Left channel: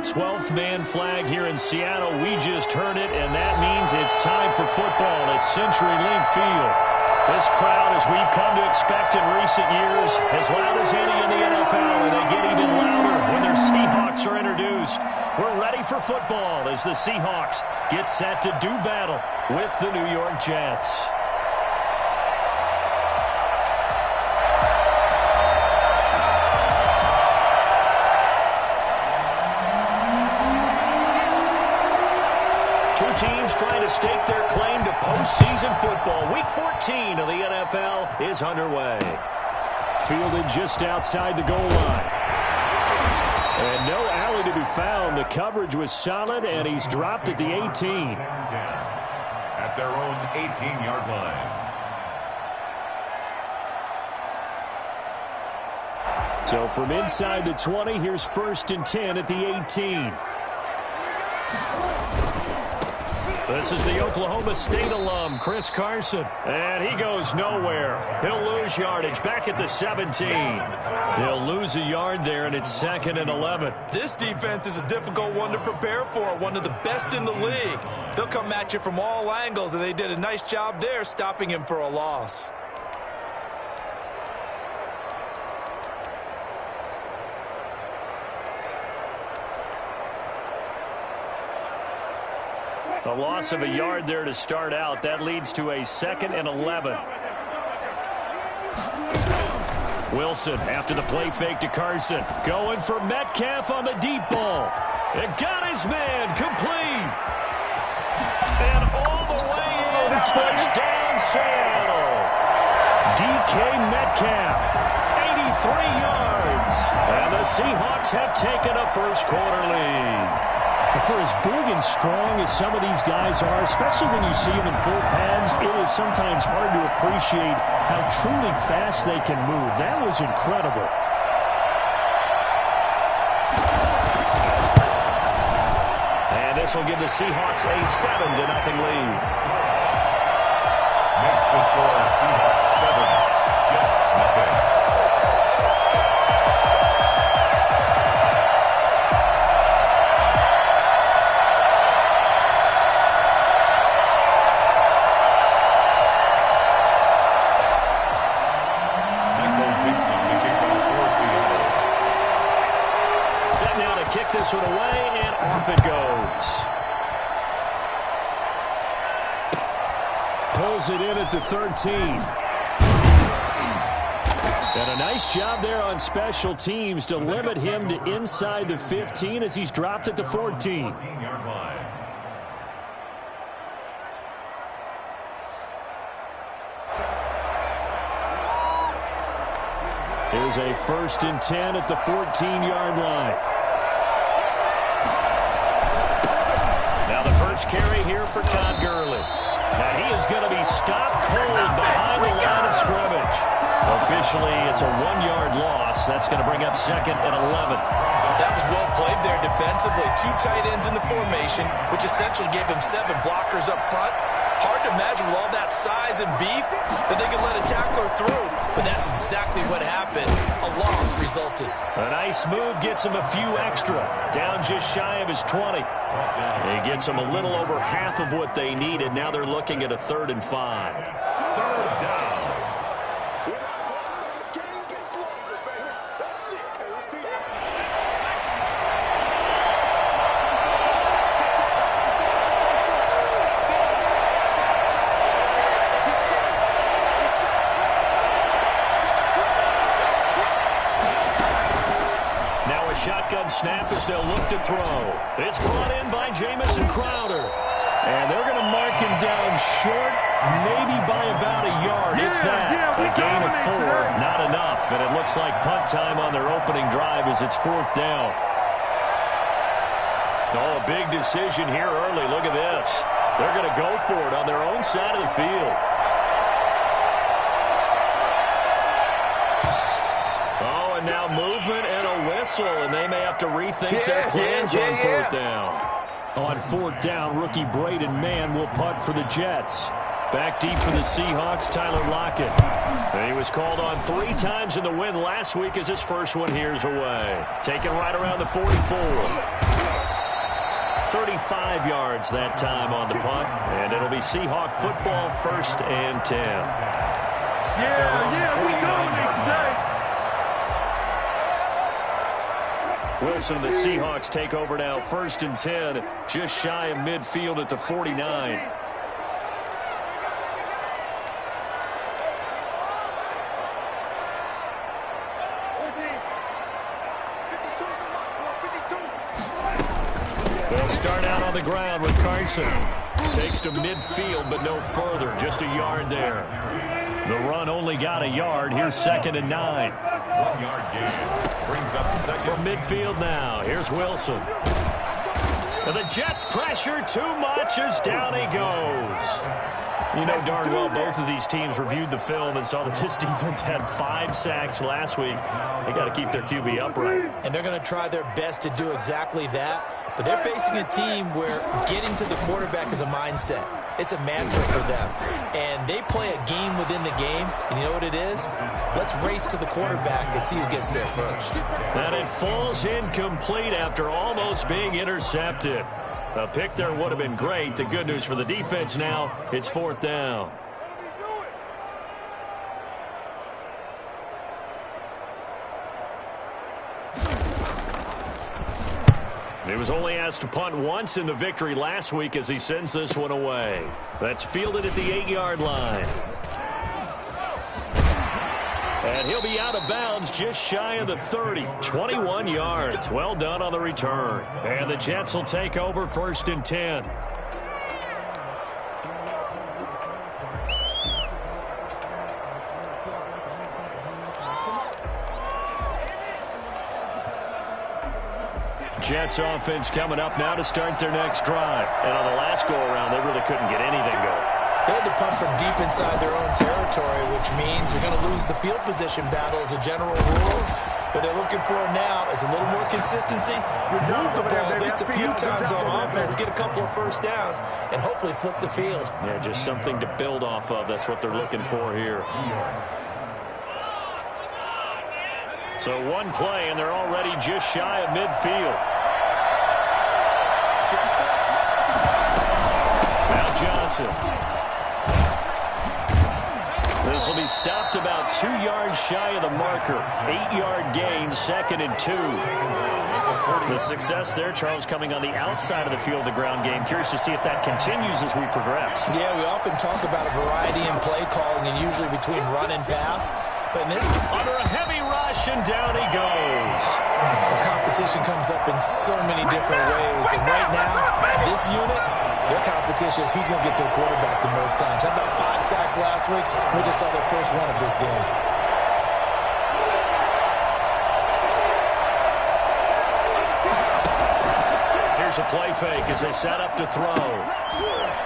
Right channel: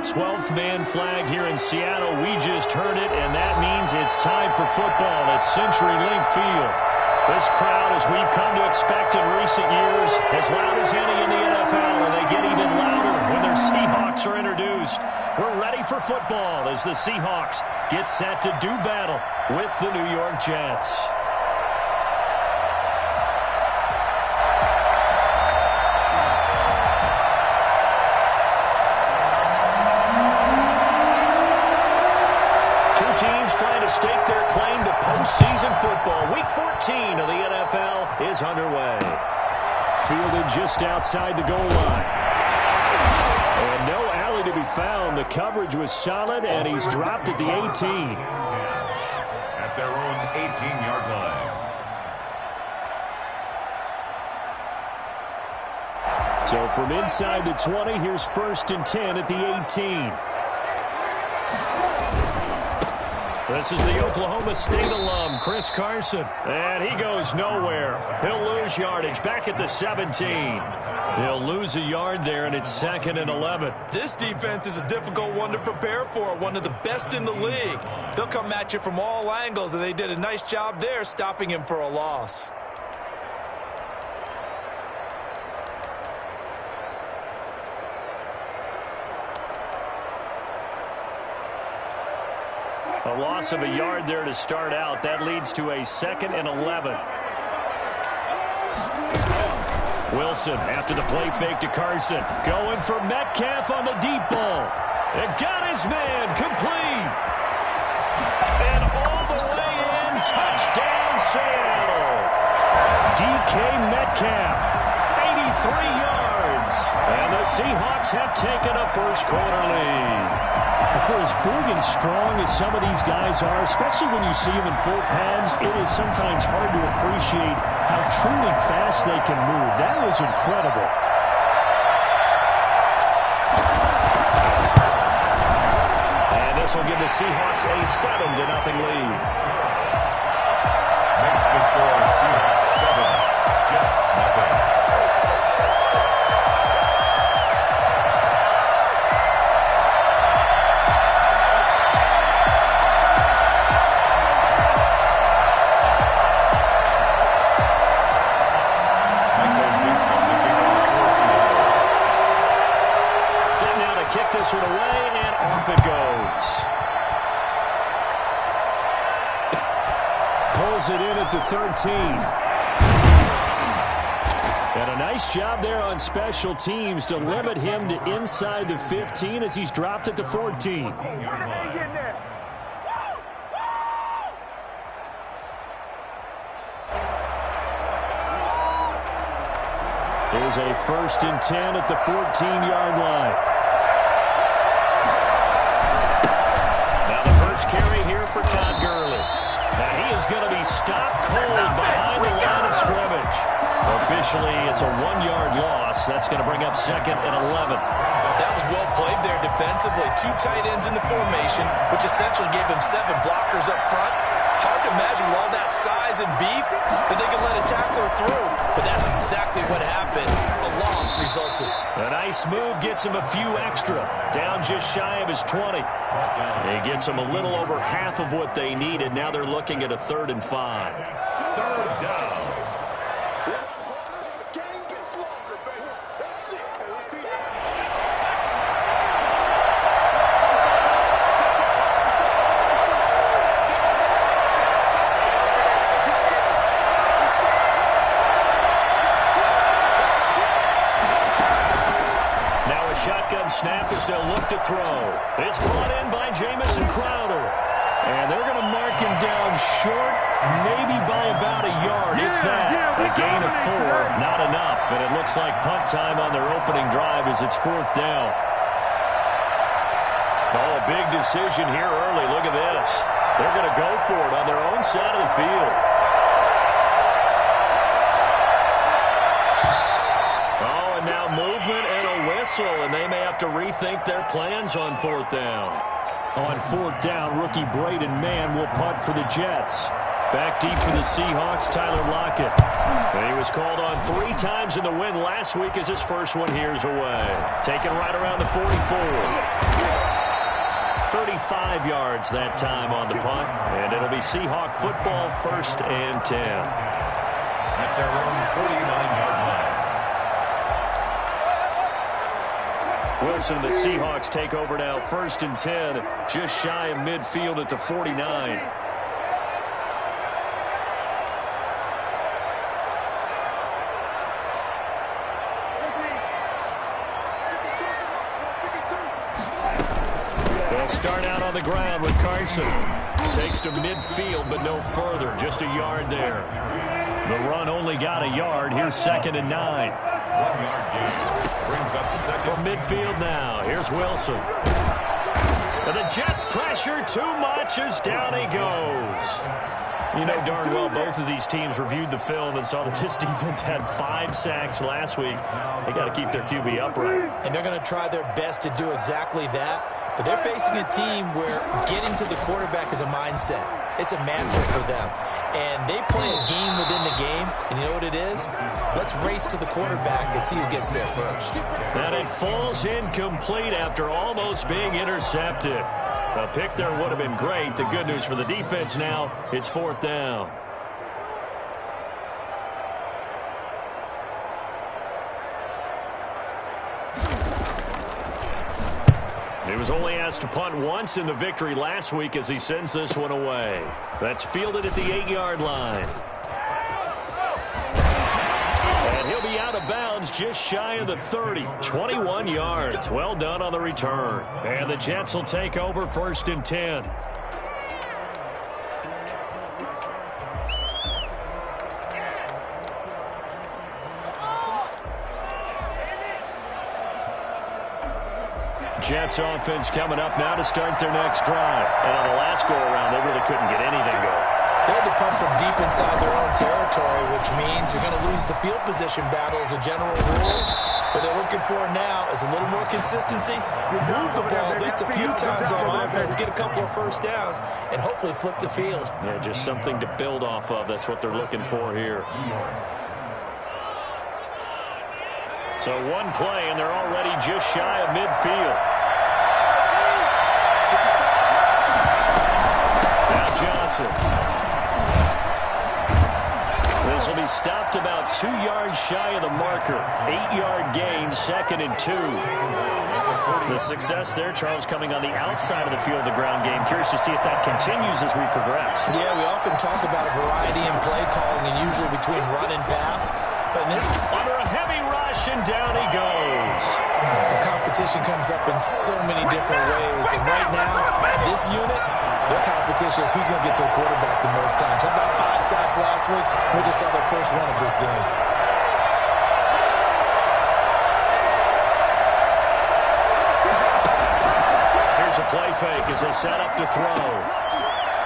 12th man flag here in Seattle. We just heard it, and that means it's time for football at CenturyLink Field. This crowd, as we've come to expect in recent years, as loud as any in the NFL, and they get even louder when their Seahawks are introduced. We're ready for football as the Seahawks get set to do battle with the New York Jets. Two teams trying to stake their claim to postseason football. Week 14 of the NFL is underway. Fielded just outside the goal line. And no alley to be found. The coverage was solid, and he's dropped at the 18. At their own 18-yard line. So from inside the 20, here's 1st and 10 at the 18. This is the Oklahoma State alum, Chris Carson. And he goes nowhere. He'll lose yardage back at the 17. He'll lose a yard there, and it's 2nd and 11. This defense is a difficult one to prepare for, one of the best in the league. They'll come at you from all angles, and they did a nice job there stopping him for a loss. A loss of a yard there to start out. That leads to a 2nd and 11. Wilson after the play fake to Carson. Going for Metcalf on the deep ball. It got his man complete. And all the way in. Touchdown Seattle. DK Metcalf. 83 yards. And the Seahawks have taken a first-quarter lead. For as big and strong as some of these guys are, especially when you see them in full pads, it is sometimes hard to appreciate how truly fast they can move. That was incredible. And this will give the Seahawks a 7-0 lead. Makes the score Seahawks 7, Jets 0. Kick this one away, and off it goes. Pulls it in at the 13. And a nice job there on special teams to limit him to inside the 15 as he's dropped at the 14. Here's a 1st and 10 at the 14-yard line. Carry here for Todd Gurley. Now he is going to be stopped cold behind the line of scrimmage. Officially, it's a 1-yard loss. That's going to bring up 2nd and 11. That was well played there defensively. 2 tight ends in the formation, which essentially gave him 7 blockers up front. Hard to imagine with all that size and beef that they could let a tackler through. But that's exactly what happened. A loss resulted. A nice move gets him a few extra. Down just shy of his 20. He gets them a little over half of what they needed. Now they're looking at a 3rd and 5. 3rd down. Shotgun snap as they'll look to throw. It's brought in by Jamison Crowder. And they're going to mark him down short, maybe by about a yard. It's that. A gain of 4, not enough. And it looks like punt time on their opening drive as it's 4th down. Oh, a big decision here early. Look at this. They're going to go for it on their own side of the field. Oh, and now movement and a whistle, and they may have to rethink their plans on 4th down. On 4th down, rookie Braden Mann will punt for the Jets. Back deep for the Seahawks, Tyler Lockett. He was called on 3 times in the win last week as his first one here's away. Taken right around the 44. 35 yards that time on the punt, and it'll be Seahawk football, 1st and 10. Their own 49-yard line. Wilson and the Seahawks take over now, 1st and 10, just shy of midfield at the 49. They'll start out on the ground with Carson. Takes to midfield, but no further. Just a yard there. The run only got a yard. Here's 2nd and 9. 1-yard gain. Brings up 2nd. From midfield now. Here's Wilson. And the Jets pressure too much as down he goes. You know darn well both of these teams reviewed the film and saw that this defense had 5 sacks last week. They got to keep their QB upright. And they're going to try their best to do exactly that. But they're facing a team where getting to the quarterback is a mindset. It's a mantra for them. And they play a game within the game. And you know what it is? Let's race to the quarterback and see who gets there first. And it falls incomplete after almost being intercepted. A pick there would have been great. The good news for the defense now, it's 4th down. He was only asked to punt once in the victory last week as he sends this one away. That's fielded at the 8-yard line. And he'll be out of bounds just shy of the 30. 21 yards. Well done on the return. And the Jets will take over 1st and 10. Jets offense coming up now to start their next drive. And on the last go-around, they really couldn't get anything going. They had to punt from deep inside their own territory, which means you're going to lose the field position battle as a general rule. What they're looking for now is a little more consistency. Move the ball at least a few times on offense, get a couple of first downs, and hopefully flip the field. Yeah, just something to build off of. That's what they're looking for here. So one play, and they're already just shy of midfield. Now Johnson. This will be stopped about 2 yards shy of the marker. 8-yard gain, 2nd and 2. The success there, Charles, coming on the outside of the field, the ground game. Curious to see if that continues as we progress. Yeah, we often talk about a variety in play calling and usually between run and pass. But in this, under a heavy rush, and down he goes. The competition comes up in so many different ways. And right now, this unit, their competition is who's going to get to the quarterback the most times. Had about 5 sacks last week. We just saw their first one of this game. Here's a play fake as they set up to throw.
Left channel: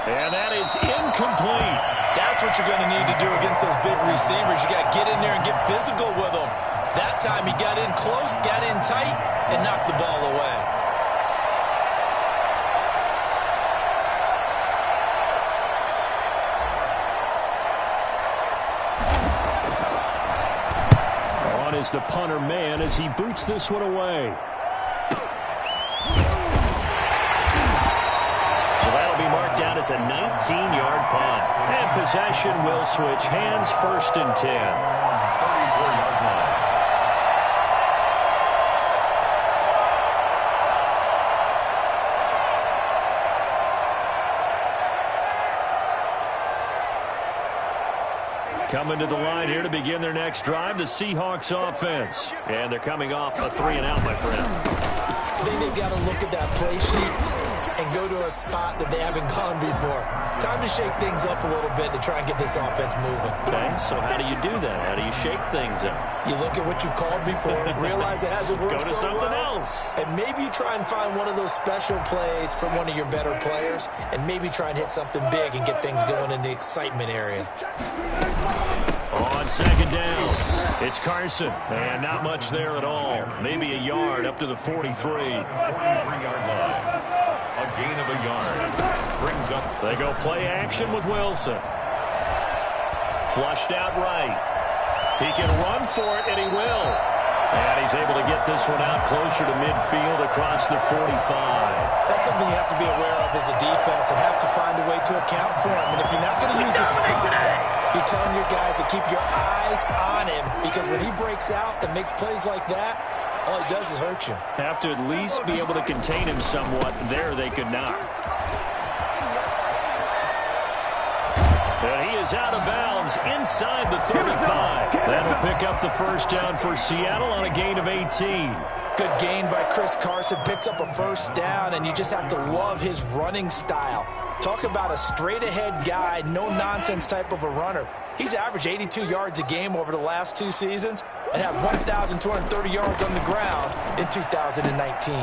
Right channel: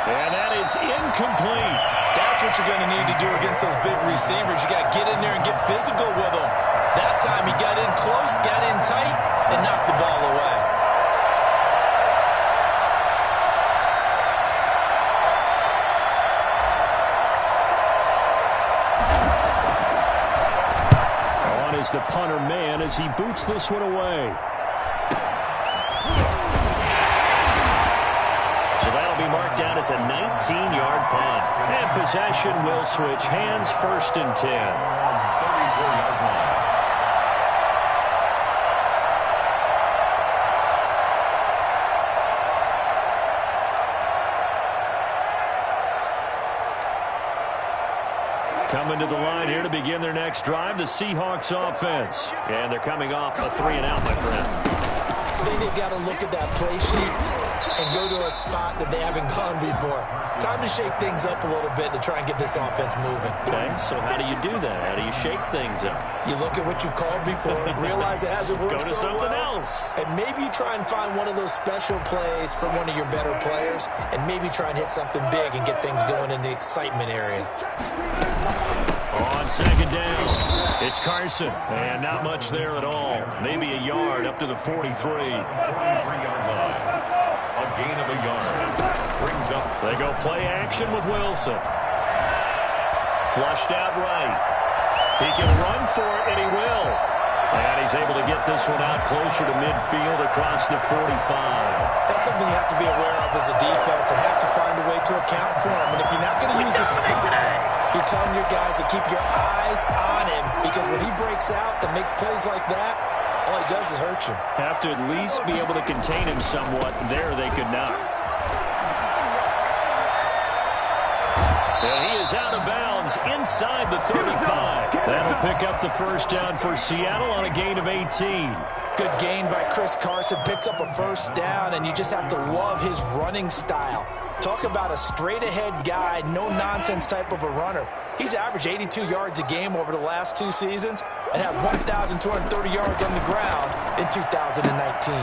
And that is incomplete. That's what you're going to need to do against those big receivers. You got to get in there and get physical with them. That time he got in close, got in tight, and knocked the ball away. On is the punter man as he boots this one away. That'll be marked down as a 19-yard punt. And possession will switch hands, 1st and 10. 34-yard line. Coming to the line here to begin their next drive, the Seahawks offense. And they're coming off a 3-and-out, my friend. I think they've got to look at that play sheet and go to a spot that they haven't gone before. Time to shake things up a little bit to try and get this offense moving. Okay, so how do you do that? How do you shake things up? You look at what you've called before, realize it hasn't worked Go to so something well, else. and maybe you try and find one of those special plays from one of your better players, and maybe try and hit something big and get things going in the excitement area. On 2nd down, it's Carson, and not much there at all. Maybe a yard up to the 43. 43-yard line. A gain of a yard. Brings up. They go play action with Wilson. Flushed out right. He can run for it, and he will. And he's able to get this one out closer to midfield across the 45. That's something you have to be aware of as a defense and have to find a way to account for him. And if you're not going to use his spy, you're telling your guys to keep your eyes on him, because when he breaks out and makes plays like that, all he does is hurt you. Have to at least be able to contain him somewhat. There they could not. And he is out of bounds inside the 35. That'll pick up the first down for Seattle on a gain of 18. Good gain by Chris Carson. Picks up a first down, and you just have to love his running style. Talk about a straight-ahead guy, no-nonsense type of a runner. He's averaged 82 yards a game over the last 2 seasons and had 1,230 yards on the ground in 2019.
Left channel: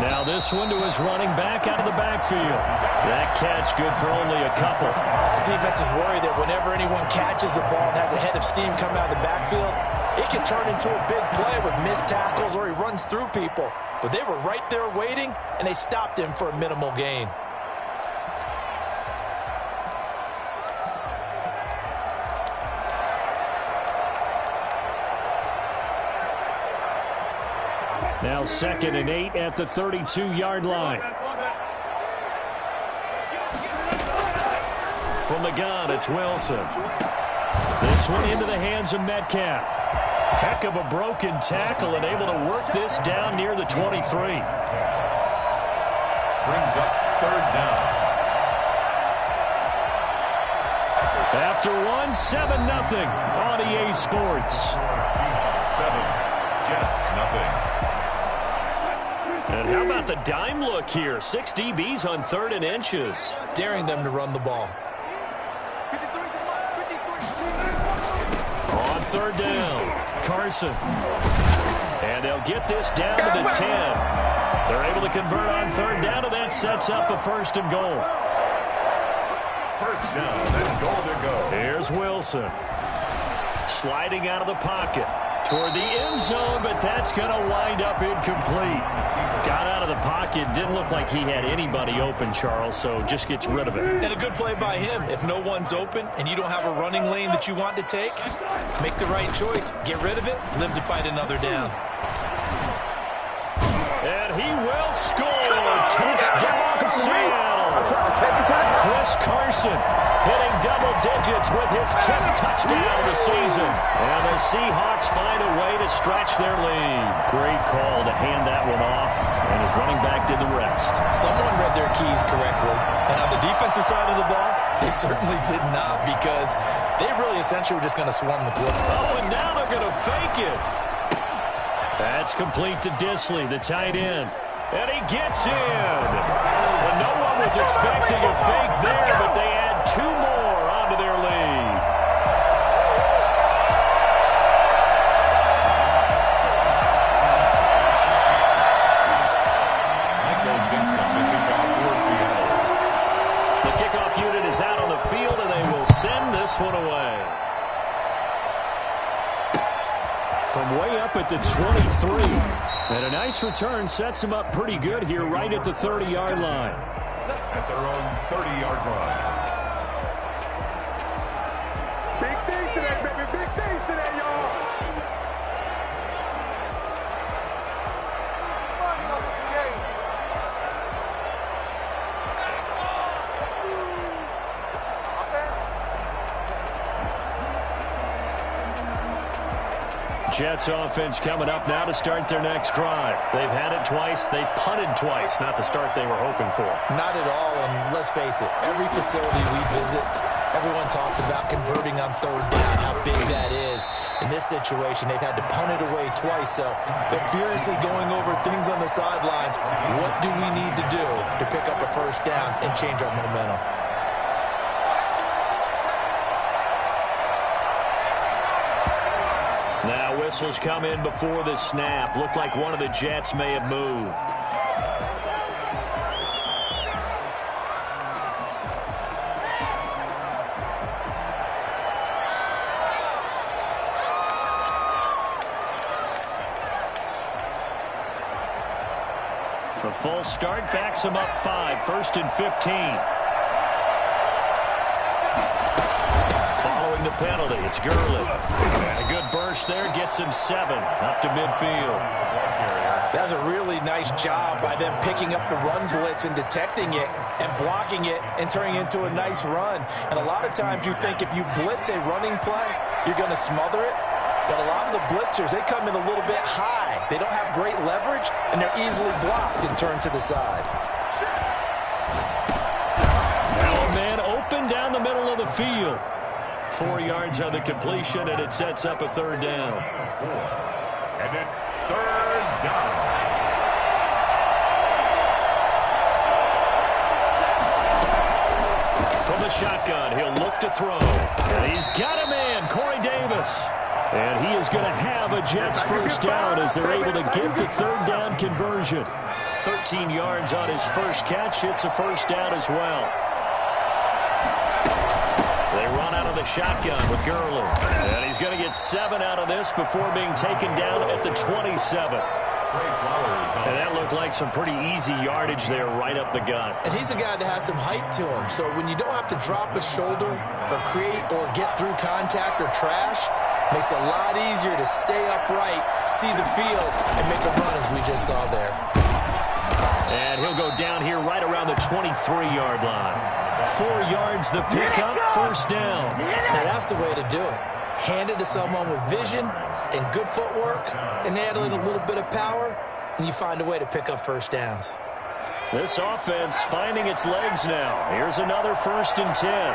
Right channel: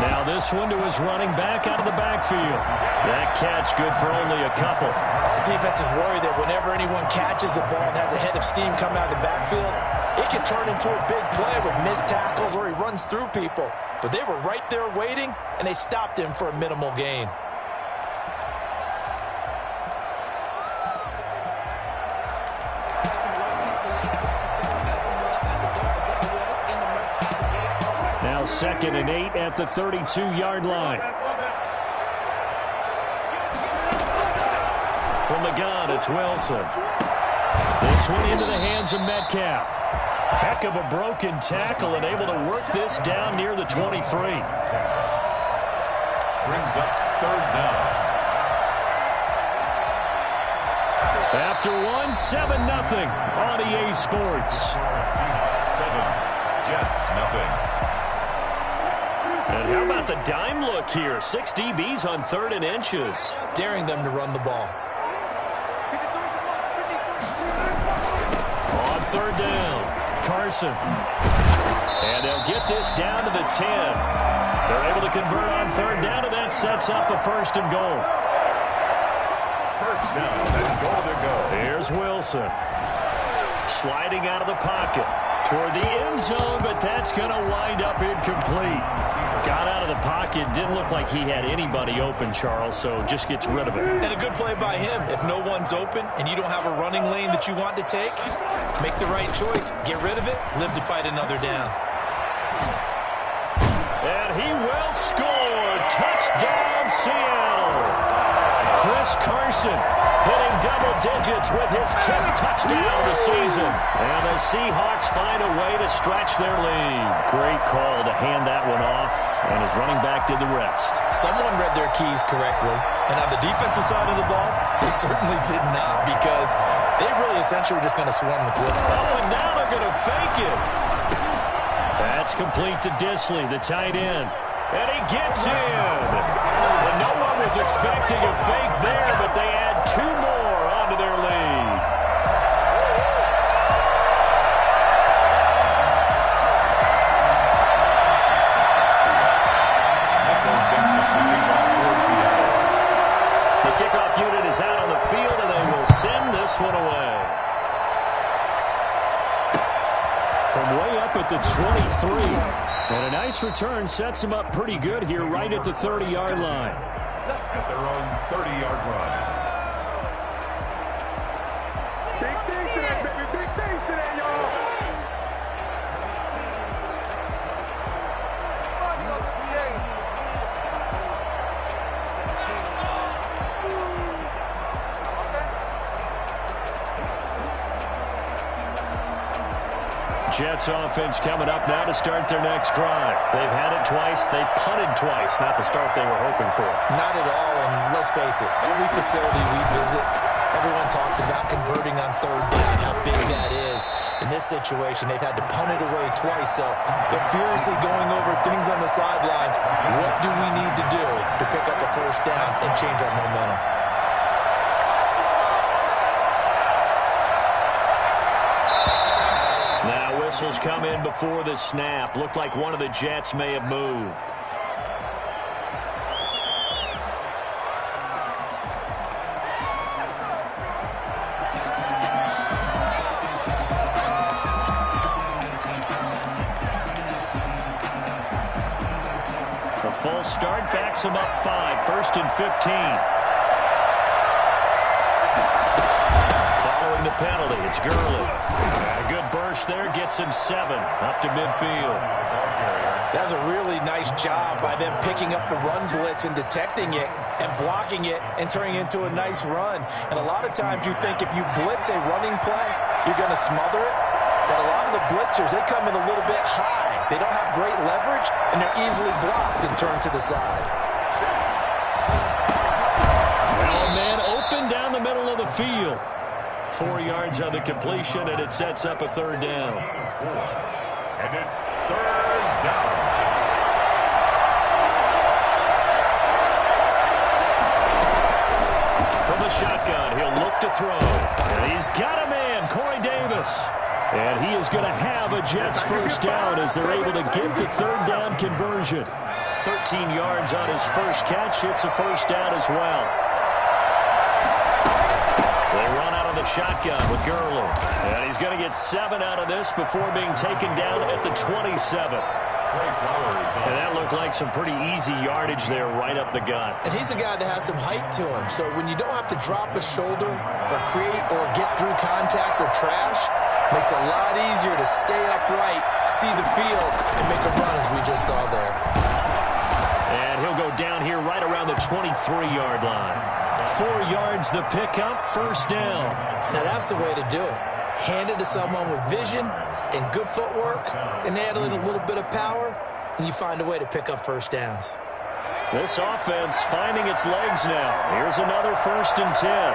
Now this one to his running back out of the backfield. That catch good for only a couple. The defense is worried that whenever anyone catches the ball and has a head of steam coming out of the backfield, it can turn into a big play with missed tackles or he runs through people. But they were right there waiting, and they stopped him for a minimal gain. Now 2nd and 8 at the 32-yard line. From the gun, it's Wilson. This one into the hands of Metcalf. Heck of a broken tackle and able to work this down near the 23. Brings up 3rd down. After one, 7-0 on EA Sports. Seahawks 7, Jets nothing. And how about the dime look here? 6 DBs on 3rd and inches. Daring them to run the ball. On 3rd down, Carson. And they'll get this down to the 10. They're able to convert on 3rd down, and that sets up a 1st and goal. 1st down and goal to go. Here's Wilson. Sliding out of the pocket toward the end zone, but that's going to wind up incomplete. Got out of the pocket. Didn't look like he had anybody open, Charles, so just gets rid of it. And a good play by him. If no one's open and you don't have a running lane that you want to take, make the right choice. Get rid of it. Live to fight another down. And he will score. Touchdown, Seattle. Chris Carson hitting double digits with his 10th touchdown of the season. And the Seahawks find a way to stretch their lead. Great call to hand that one off, and his running back did the rest. Someone read their keys correctly. And on the defensive side of the ball, they certainly did not, because they really essentially were just going to swarm the quarterback. Oh, and now they're going to fake it. That's complete to Disley, the tight end. And he gets in. And no one was expecting a fake there, but they add 2 more onto their lead. Michael Dixon, the kickoff for Seattle. The kickoff unit is out on the field, and they will send this one away. From way up at the 23. And a nice return sets him up pretty good here right at the 30-yard line. At their own 30-yard line. Big things today, baby. Big things today, y'all. Money on this game. Jets offense coming up now to start their next drive. They've had it twice. They've punted twice. Not the start they were hoping for. Not at all, and let's face it, every facility we visit, everyone talks about converting on 3rd down, how big that is. In this situation, they've had to punt it away twice, so they're furiously going over things on the sidelines. What do we need to do to pick up a 1st down and change our momentum? Now whistles come in before the snap. Looked like one of the Jets may have moved. A full start backs him up 5. 1st and 15. Following the penalty, it's Gurley. A good burst there, gets him 7 up to midfield. Ball carrier. That was a really nice job by them picking up the run blitz and detecting it and blocking it and turning it into a nice run. And a lot of times you think if you blitz a running play, you're going to smother it. But a lot of the blitzers, they come in a little bit high. They don't have great leverage, and they're easily blocked and turned to the side. Now a man open down the middle of the field. 4 yards on the completion, and it sets up a third down. And it's third down. From the shotgun, he'll look to throw. And he's got a man, Corey Davis. And he is going to have a Jets first down as they're able to get the third down conversion. 13 yards on his first catch. It's a first down as well. They run out of the shotgun with Gurley. And he's going to get 7 out of this before being taken down at the 27. And that looked like some pretty easy yardage there right up the gut. And he's a guy that has some height to him. So when you don't have to drop a shoulder or create or get through contact or trash, makes it a lot easier to stay upright, see the field, and make a run as we just saw there. And he'll go down here right around the 23-yard line. 4 yards the pickup, first down. Now that's the way to do it. Hand it to someone with vision and good footwork and add in a little bit of power, and you find a way to pick up first downs. This offense finding its legs now. Here's another 1st and 10.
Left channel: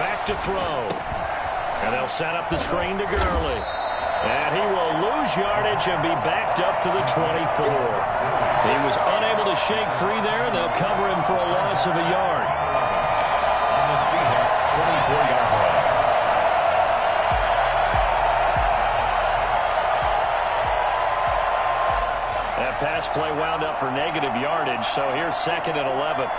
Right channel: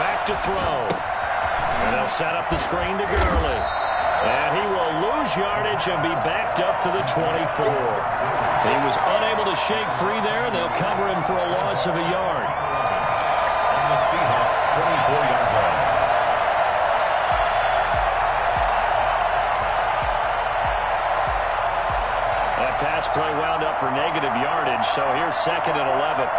Back to throw. And they'll set up the screen to Gurley. And he will lose yardage and be backed up to the 24. He was unable to shake free there, and they'll cover him for a loss of a yard. On the Seahawks' 24-yard line. That pass play wound up for negative yardage, so here's 2nd and 11.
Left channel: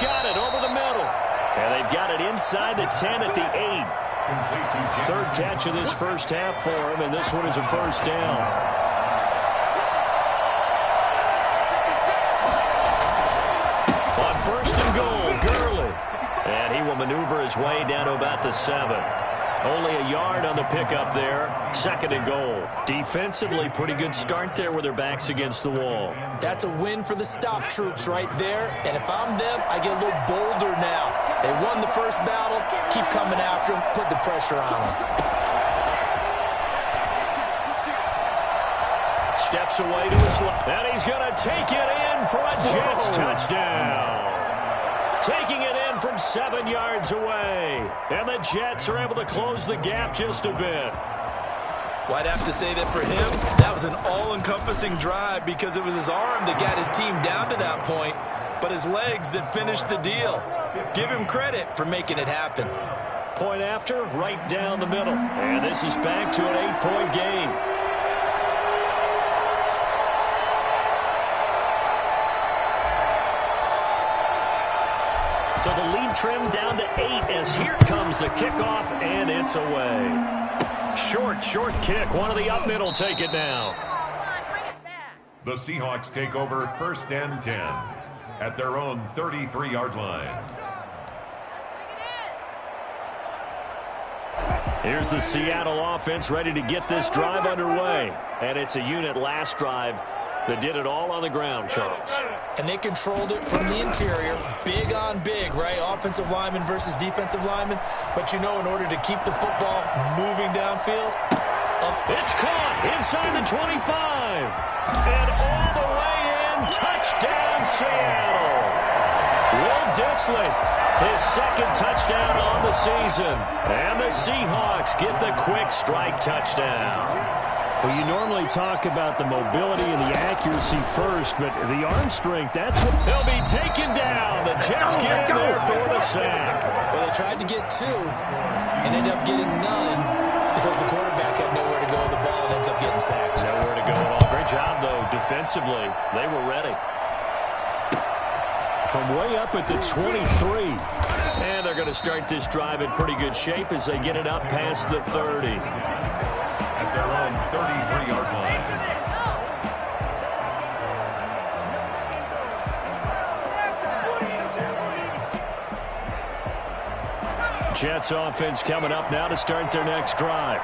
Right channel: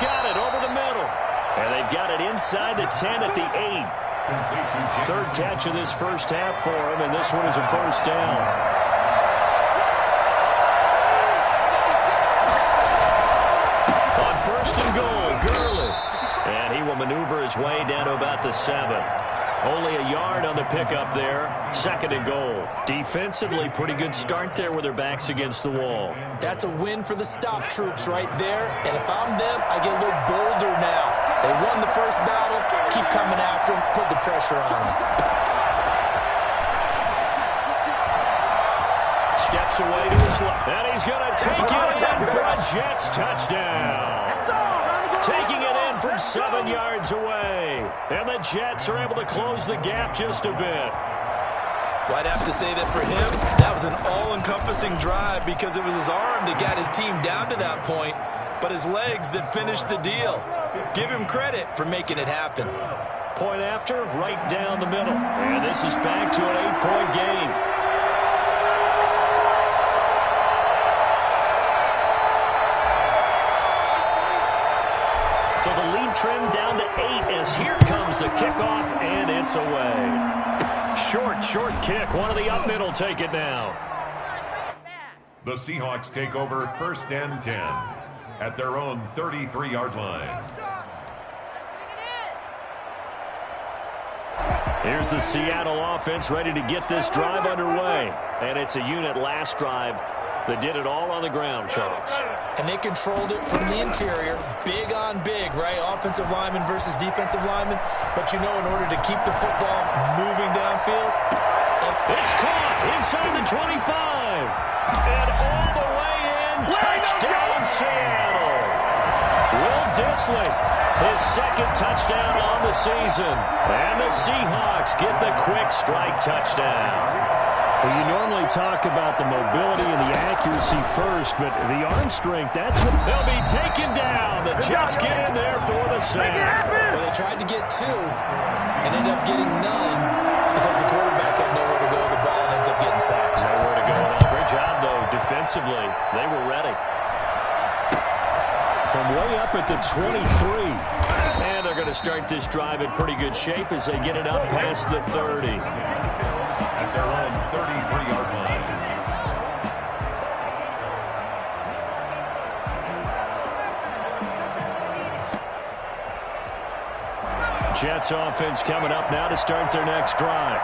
Got it over the middle. And they've got it inside the 10 at the 8. Third catch of this first half for him, and this one is a first down. On 1st and goal, Gurley. And he will maneuver his way down to about the 7. Only a yard on the pickup there. 2nd and goal. Defensively, pretty good start there with their backs against the wall. That's a win for the stop troops right there. And if I'm them, I get a little bolder now. They won the first battle. Keep coming after them. Put the pressure on them. Steps away to his left. And he's going to take it in for a Jets touchdown. Taking it in from 7 yards away. And the Jets are able to close the gap just a bit. Well, I'd have to say that for him, that was an all-encompassing drive because it was his arm that got his team down to that point, but his legs that finished the deal. Give him credit for making it happen. Point after, right down the middle. And this is back to an 8-point game. So the lead trimmed down to 8 as here comes the kickoff, and it's away. Short kick. One of the up middle take it now. The Seahawks take over 1st and 10 at their own 33-yard line. Here's the Seattle offense ready to get this drive underway. And it's a unit last drive that did it all on the ground, Charles. And they controlled it from the interior. Big on big, right? Offensive lineman versus defensive lineman. But you know, in order to keep the football moving downfield. It's caught inside the 25. And all the way in. Touchdown, Seattle. Will Dissly, his 2nd touchdown on the season. And the Seahawks get the quick strike touchdown. Well, you normally talk about the mobility and the accuracy first, but the arm strength, that's what they'll be taken down. The Jets get in there for the sack. Well, they tried to get 2 and ended up getting none because the quarterback had nowhere to go with the ball and ends up getting sacked. Nowhere to go at all. Great job, though, defensively. They were ready. From way up at the 23. And they're going to start this drive in pretty good shape as they get it up past the 30. At their own 33-yard line. Jets offense coming up now to start their next drive.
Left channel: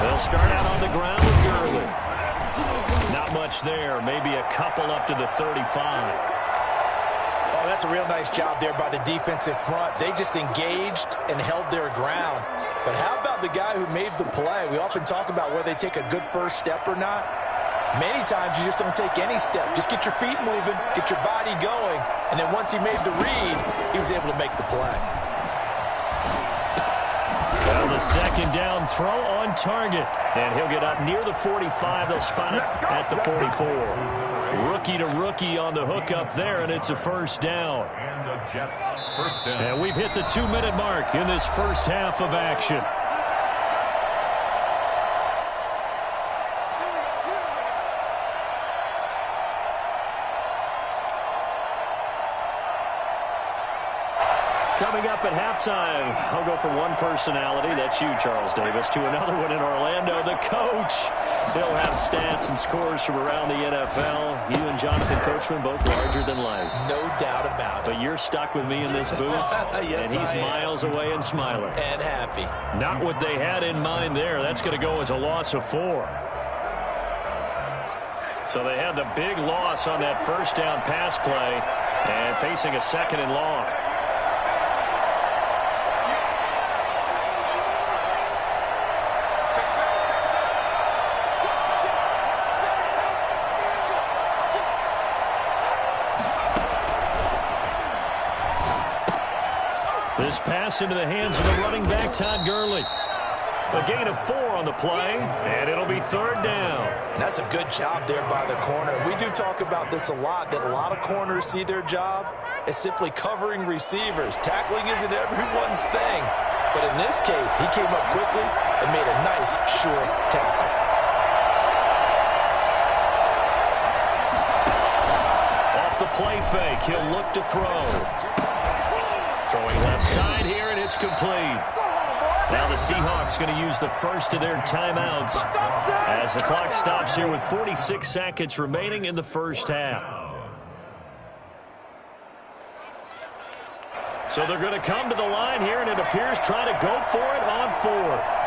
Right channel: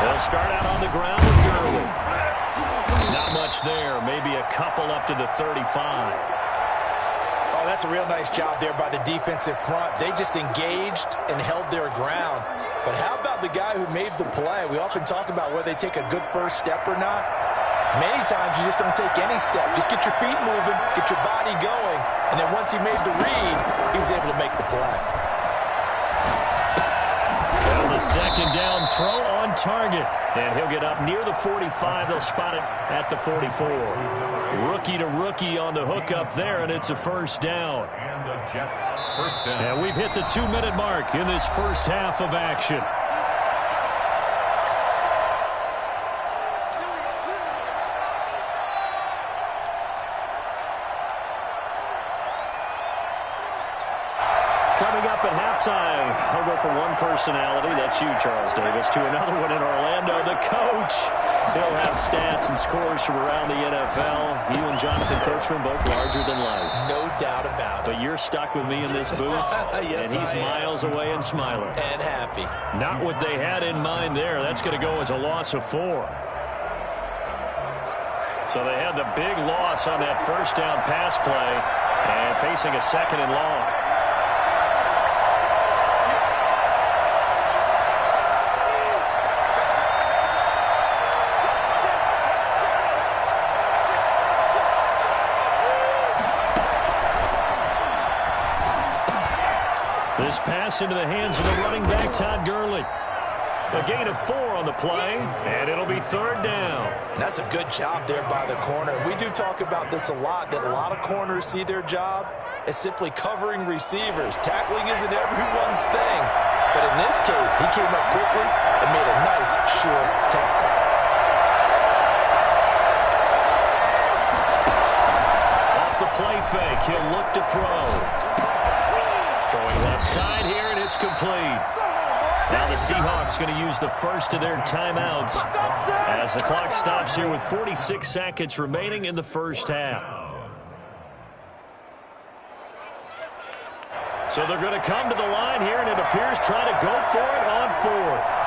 They'll start out on the ground with Gurley. Not much there. Maybe a couple up to the 35. Oh, that's a real nice job there by the defensive front. They just engaged and held their ground. But how about the guy who made the play? We often talk about whether they take a good first step or not. Many times you just don't take any step. Just get your feet moving, get your body going, and then once he made the read, he was able to make the play. Well, the second down throw on target. And he'll get up near the 45. They'll spot it at the 44. Rookie to rookie on the hook up there, and it's a first down. And the Jets first down. And we've hit the 2-minute mark in this first half of action. Coming up at halftime, I'll go from one personality, that's you, Charles Davis, to another one in Orlando, the coach. He'll have stats and scores from around the NFL. You and Jonathan Coachman, both larger than life. No doubt about it. But you're stuck with me in this booth, yes, and he's miles away and smiling. And happy. Not what they had in mind there. That's going to go as a loss of 4. So they had the big loss on that first down pass play and facing a second and long. This pass into the hands of the running back, Todd Gurley. A gain of 4 on the play, and it'll be third down. That's a good job there by the corner. We do talk about this a lot, that a lot of corners see their job as simply covering receivers. Tackling isn't everyone's thing. But in this case, he came up quickly and made a nice, sure tackle. Off the play fake, he'll look to throw. Throwing left side here, and it's complete. Now the Seahawks going to use the first of their timeouts as the clock stops here with 46 seconds remaining in the first half. So they're going to come to the line here, and it appears try to go for it on 4th.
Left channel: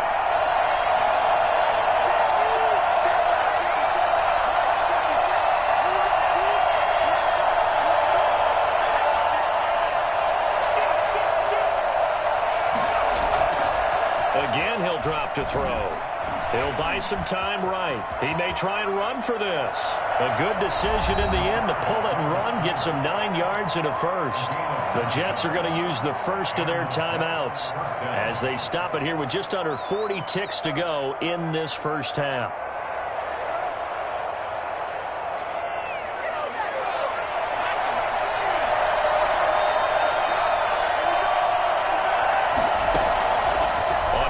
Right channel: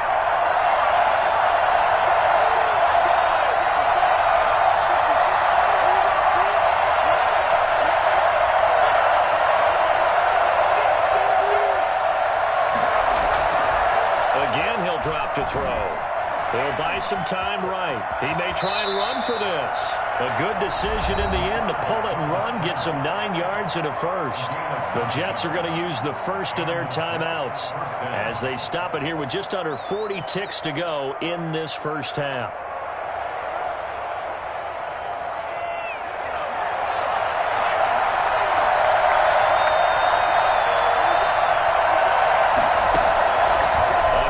Again, he'll drop to throw. He'll buy some time right. He may try and run for this. A good decision in the end to pull it and run, get some 9 yards and a first. The Jets are going to use the first of their timeouts as they stop it here with just under 40 ticks to go in this first half.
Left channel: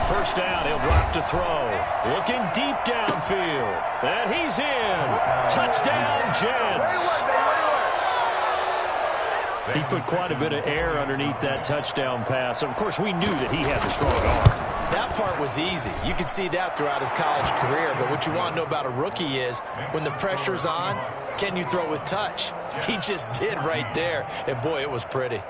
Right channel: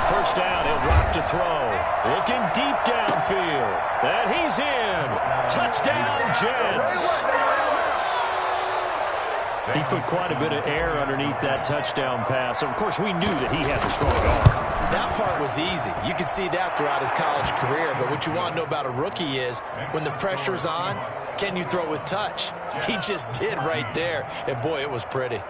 First down, he'll drop to throw. Looking deep downfield. And he's in. Touchdown, Jets. He put quite a bit of air underneath that touchdown pass. Of course, we knew that he had the strong arm. That part was easy. You could see that throughout his college career. But what you want to know about a rookie is when the pressure's on, can you throw with touch? He just did right there. And, boy, it was pretty.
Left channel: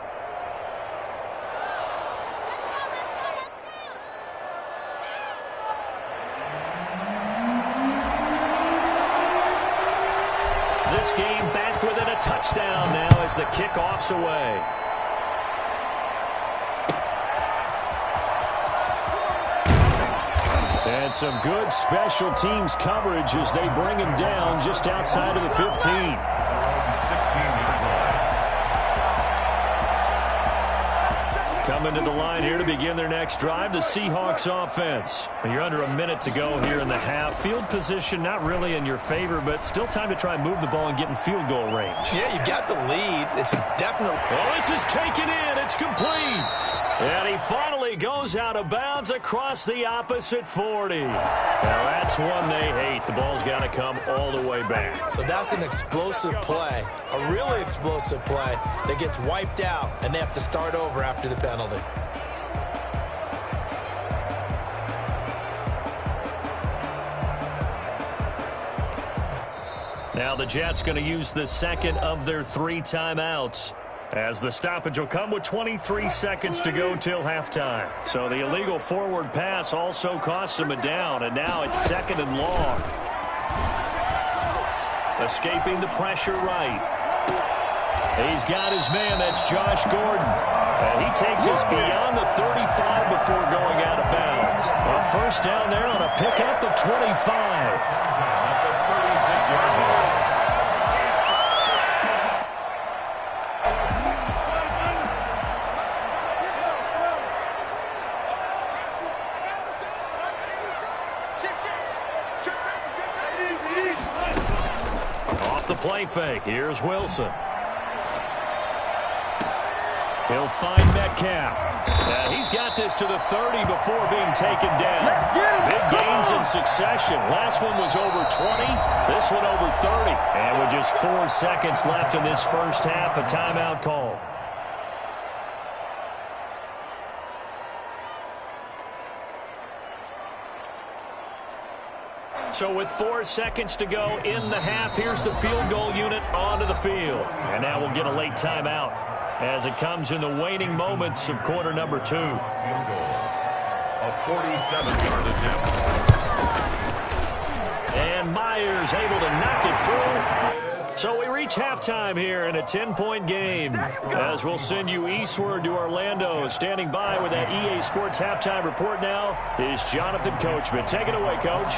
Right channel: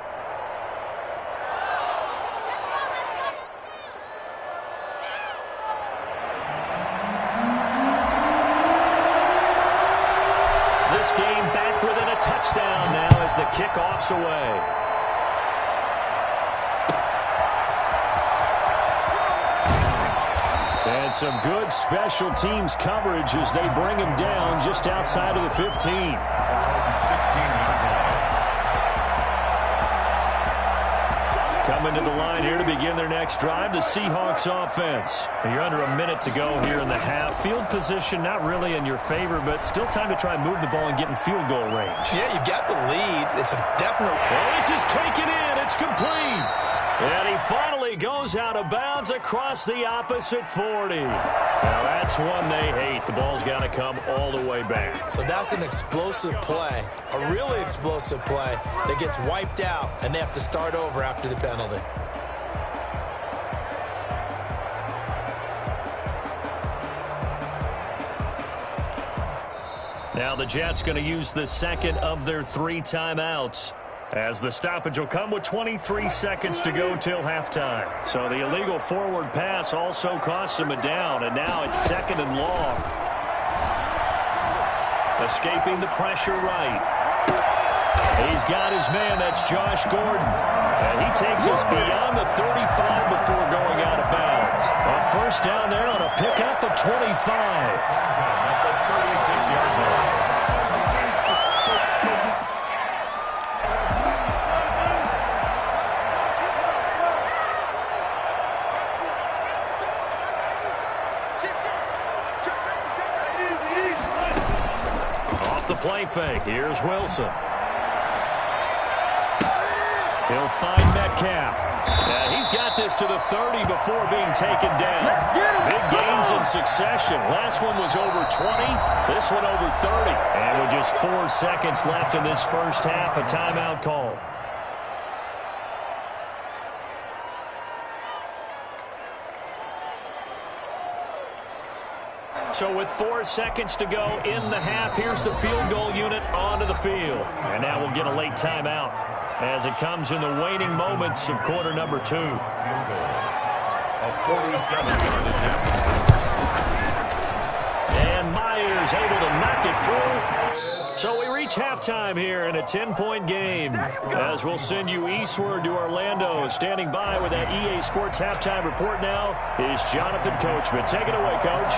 This game back within a touchdown now as the kickoff's away. And some good special teams coverage as they bring him down just outside of the 15. 16-yard line. Coming to the line here to begin their next drive, the Seahawks offense. You're under a minute to go here in the half. Field position not really in your favor, but still time to try and move the ball and get in field goal range. Yeah, you've got the lead. It's a definite. Well, this is taken in. It's complete. And he finally goes out of bounds across the opposite 40. Now, that's one they hate. The ball's got to come all the way back. So that's an explosive play, a really explosive play that gets wiped out, and they have to start over after the penalty. Now the Jets going to use the second of their 3 timeouts, as the stoppage will come with 23 seconds to go till halftime. So the illegal forward pass also costs him a down, and now it's 2nd and long. Escaping the pressure right. He's got his man. That's Josh Gordon. And he takes us beyond the 35 before going out of bounds. A first down there on a pickup of 25. At the 36-yard line. Off the play fake. Here's Wilson. He'll find Metcalf. He's got this to the 30 before being taken down. Big gains in succession. Last one was over 20. This one over 30. And with just 4 seconds left in this first half, a timeout call. So with 4 seconds to go in the half, here's the field goal unit onto the field. And now we'll get a late timeout as it comes in the waning moments of quarter number 2. Field goal. A 47-yard attempt. And Myers able to knock it through. So we reach halftime here in a 10-point game, as we'll send you eastward to Orlando. Standing by with that EA Sports halftime report now is Jonathan Coachman. Take it away, Coach.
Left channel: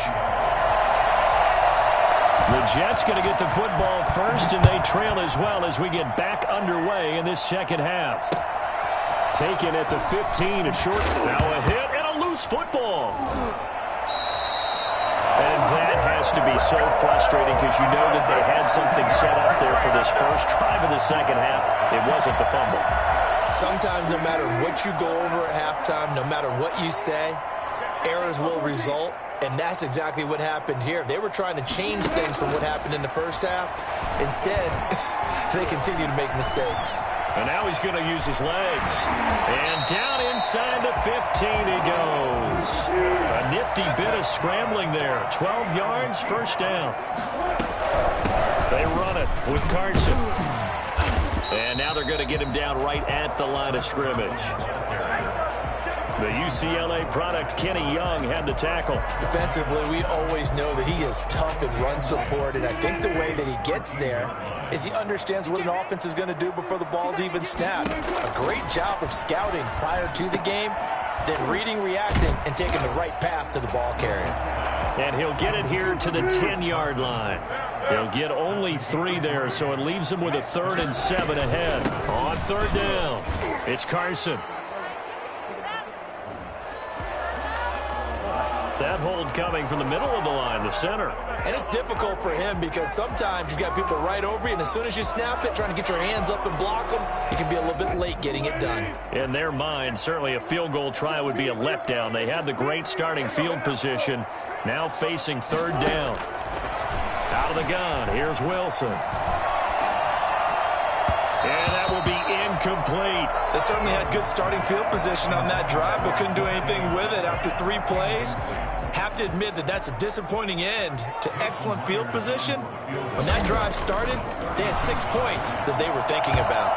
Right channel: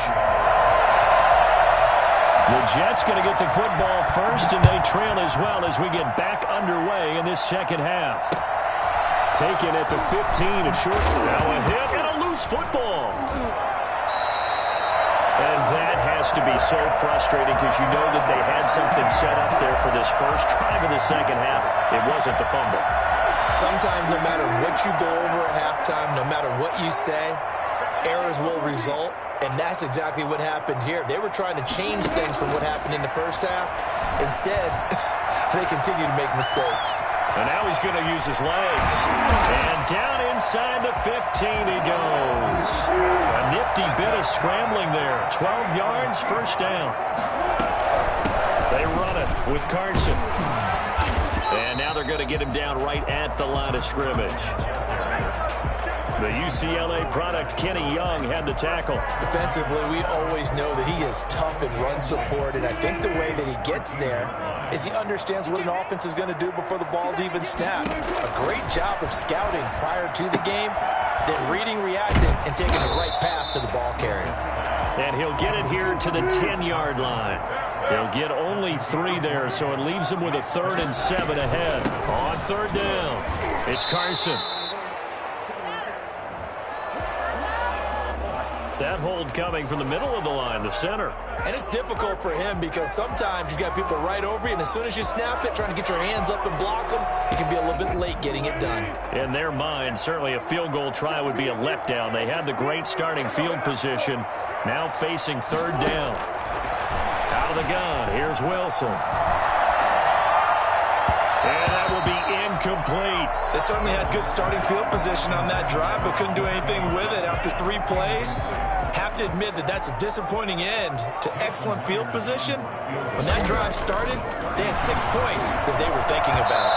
The Jets going to get the football first, and they trail as well as we get back underway in this second half. Taken at the 15, a short. Now a hit and a loose football. And that has to be so frustrating because you know that they had something set up there for this first drive of the second half. It wasn't the fumble. Sometimes no matter what you go over at halftime, no matter what you say, errors will result. And that's exactly what happened here. They were trying to change things from what happened in the first half. Instead, they continue to make mistakes. And now he's going to use his legs. And down inside the 15 he goes. A nifty bit of scrambling there. 12 yards, first down. They run it with Carson. And now they're going to get him down right at the line of scrimmage. The UCLA product, Kenny Young, had the tackle. Defensively, we always know that he is tough in run support, and I think the way that he gets there is he understands what an offense is going to do before the ball's even snapped. A great job of scouting prior to the game, then reading, reacting, and taking the right path to the ball carrier. And he'll get it here to the 10-yard line. He'll get only 3 there, so it leaves him with a 3rd and 7 ahead. On 3rd down, it's Carson. That hold coming from the middle of the line, the center. And it's difficult for him because sometimes you've got people right over you, and as soon as you snap it, trying to get your hands up and block them, you can be a little bit late getting it done. In their mind, certainly a field goal try would be a letdown. They had the great starting field position, now facing 3rd down. Out of the gun, here's Wilson. And that will be incomplete. They certainly had good starting field position on that drive, but couldn't do anything with it after 3 plays. Have to admit that that's a disappointing end to excellent field position. When that drive started, they had 6 points that they were thinking about.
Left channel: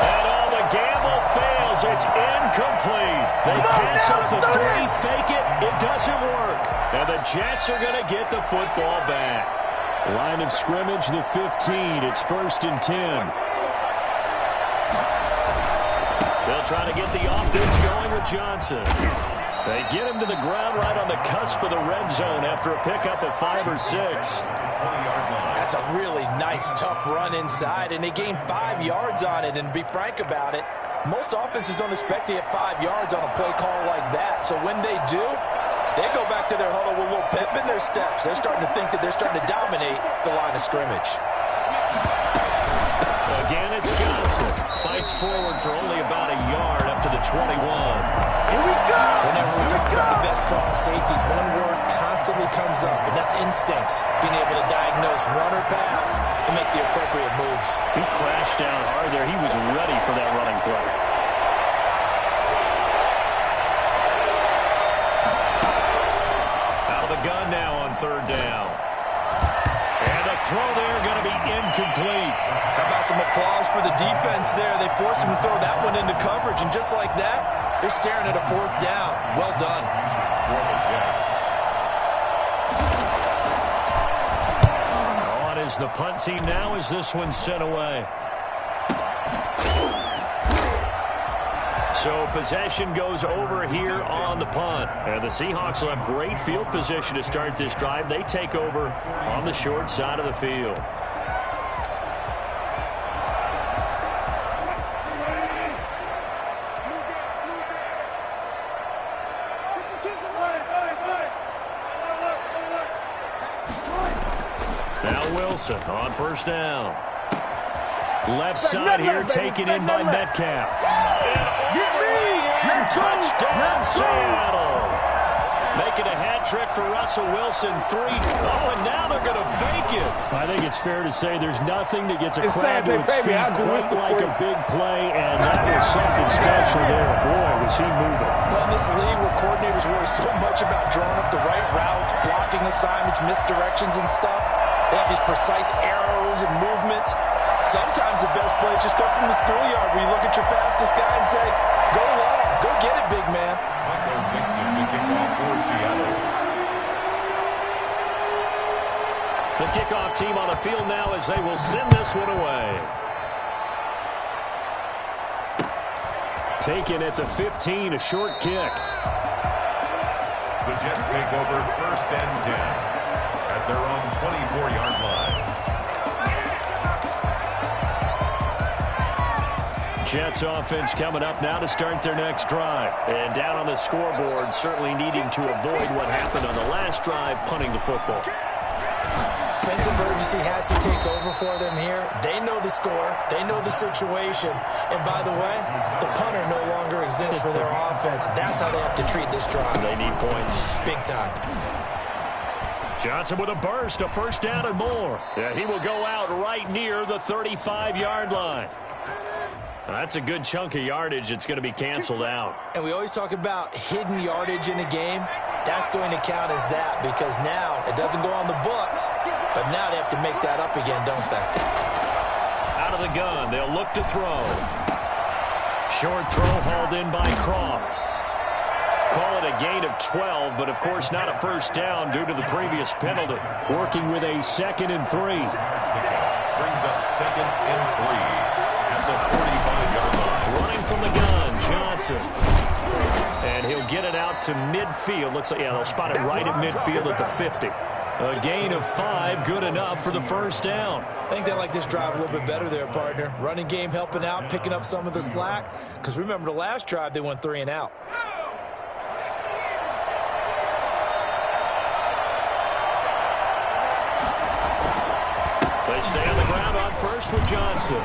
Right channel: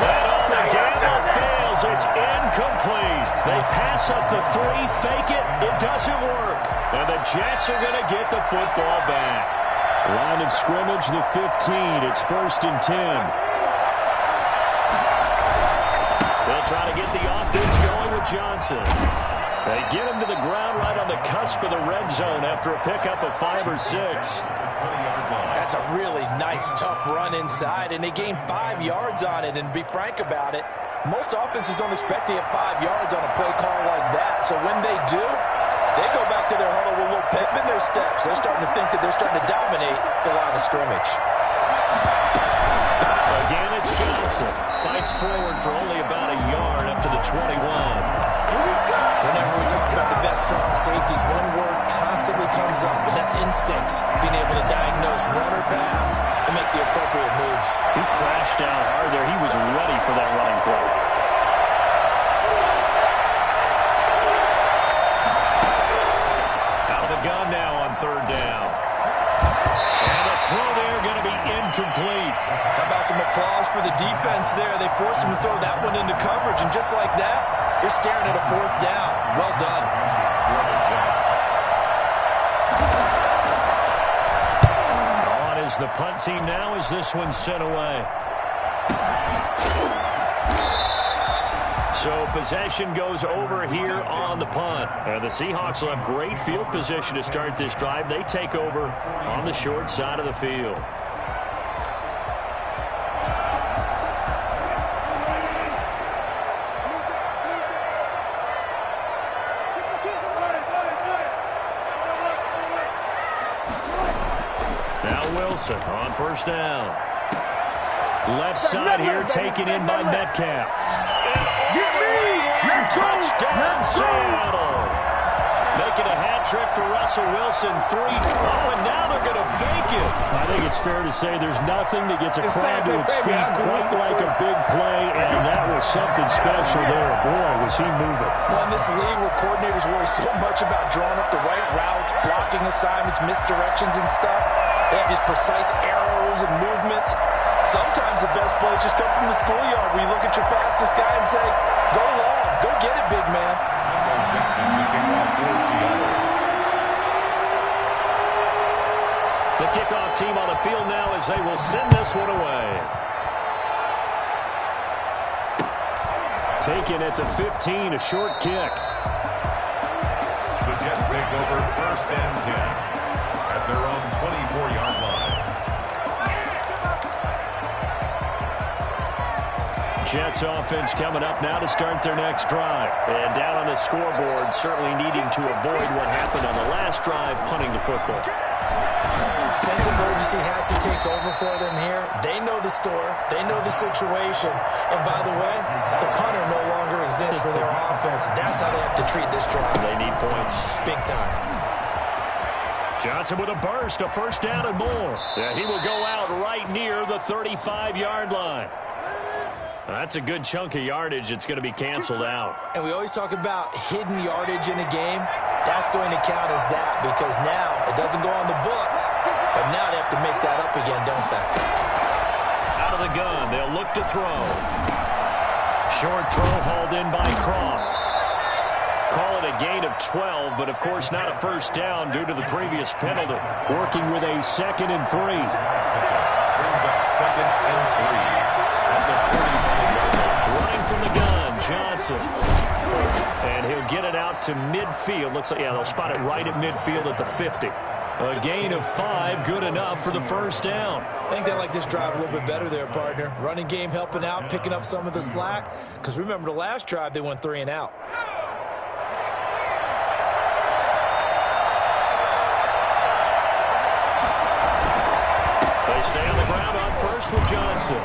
And all the gamble fails. It's incomplete. They pass up the 3, fake it. It doesn't work. And the Jets are going to get the football back. Line of scrimmage, the 15. It's 1st and 10. They'll try to get the offense going with Johnson. They get him to the ground right on the cusp of the red zone after a pickup of 5 or 6. That's a really nice, tough run inside, and they gained 5 yards on it. And to be frank about it, most offenses don't expect to get 5 yards on a play call like that. So when they do, they go back to their huddle with a little pep in their steps. They're starting to think that they're starting to dominate the line of scrimmage. Again, it's Johnson. Fights forward for only about a yard up to the 21. Here we go. Whenever we talk about the best strong safeties, one word constantly comes up, and that's instinct. Being able to diagnose run or pass and make the appropriate moves. He crashed down hard there. He was ready for that running play. Out of the gun now on 3rd down. And The throw there going to be incomplete. How about some applause for the defense there? They forced him to throw that one into coverage, and just like that, they're staring at a 4th down. Well done. On is the punt team now as this one's sent away. So possession goes over here on the punt. And the Seahawks will have great field position to start this drive. They take over on the short side of the field. Now Wilson on 1st down. Left side here taken in by Metcalf. Touchdown, Seattle. Making a hat trick for Russell Wilson. 3. Oh, and now they're going to fake it. I think it's fair to say there's nothing that gets a crowd to its feet quite like a big play, and that was something special there. Boy, was he moving. Well, in this league where coordinators worry so much about drawing up the right routes, blocking assignments, misdirections and stuff, they have these precise arrows and movements. Sometimes the best plays just come from the schoolyard where you look at your fastest guy and say, go long, go get it, big man. Michael Dixon, the kickoff for Seattle. The kickoff team on the field now as they will send this one away. Taken at the 15, a short kick. The Jets take over 1st and 10 at their own 24-yard line. Jets offense coming up now to start their next drive. And down on the scoreboard, certainly needing to avoid what happened on the last drive, punting the football. Sense of urgency has to take over for them here. They know the score. They know the situation. And by the way, the punter no longer exists for their offense. That's how they have to treat this drive. They need points. Big time. Johnson with a burst, a 1st down and more. Yeah, he will go out right near the 35-yard line. That's a good chunk of yardage. It's going to be canceled out. And we always talk about hidden yardage in a game. That's going to count as that because now it doesn't go on the books, but now they have to make that up again, don't they? Out of the gun, they'll look to throw. Short throw hauled in by Croft. Call it a gain of 12, but of course not a 1st down due to the previous penalty. Working with a 2nd and 3. Brings up 2nd and 3. At the 45-yard line. Running from the gun, Johnson. And he'll get it out to midfield. Looks like, yeah, they'll spot it right at midfield at the 50. A gain of 5, good enough for the 1st down. I think they like this drive a little bit better there, partner. Running game helping out, picking up some of the slack. Because remember the last drive, they went 3 and out. They stay on the ground on 1st with Johnson.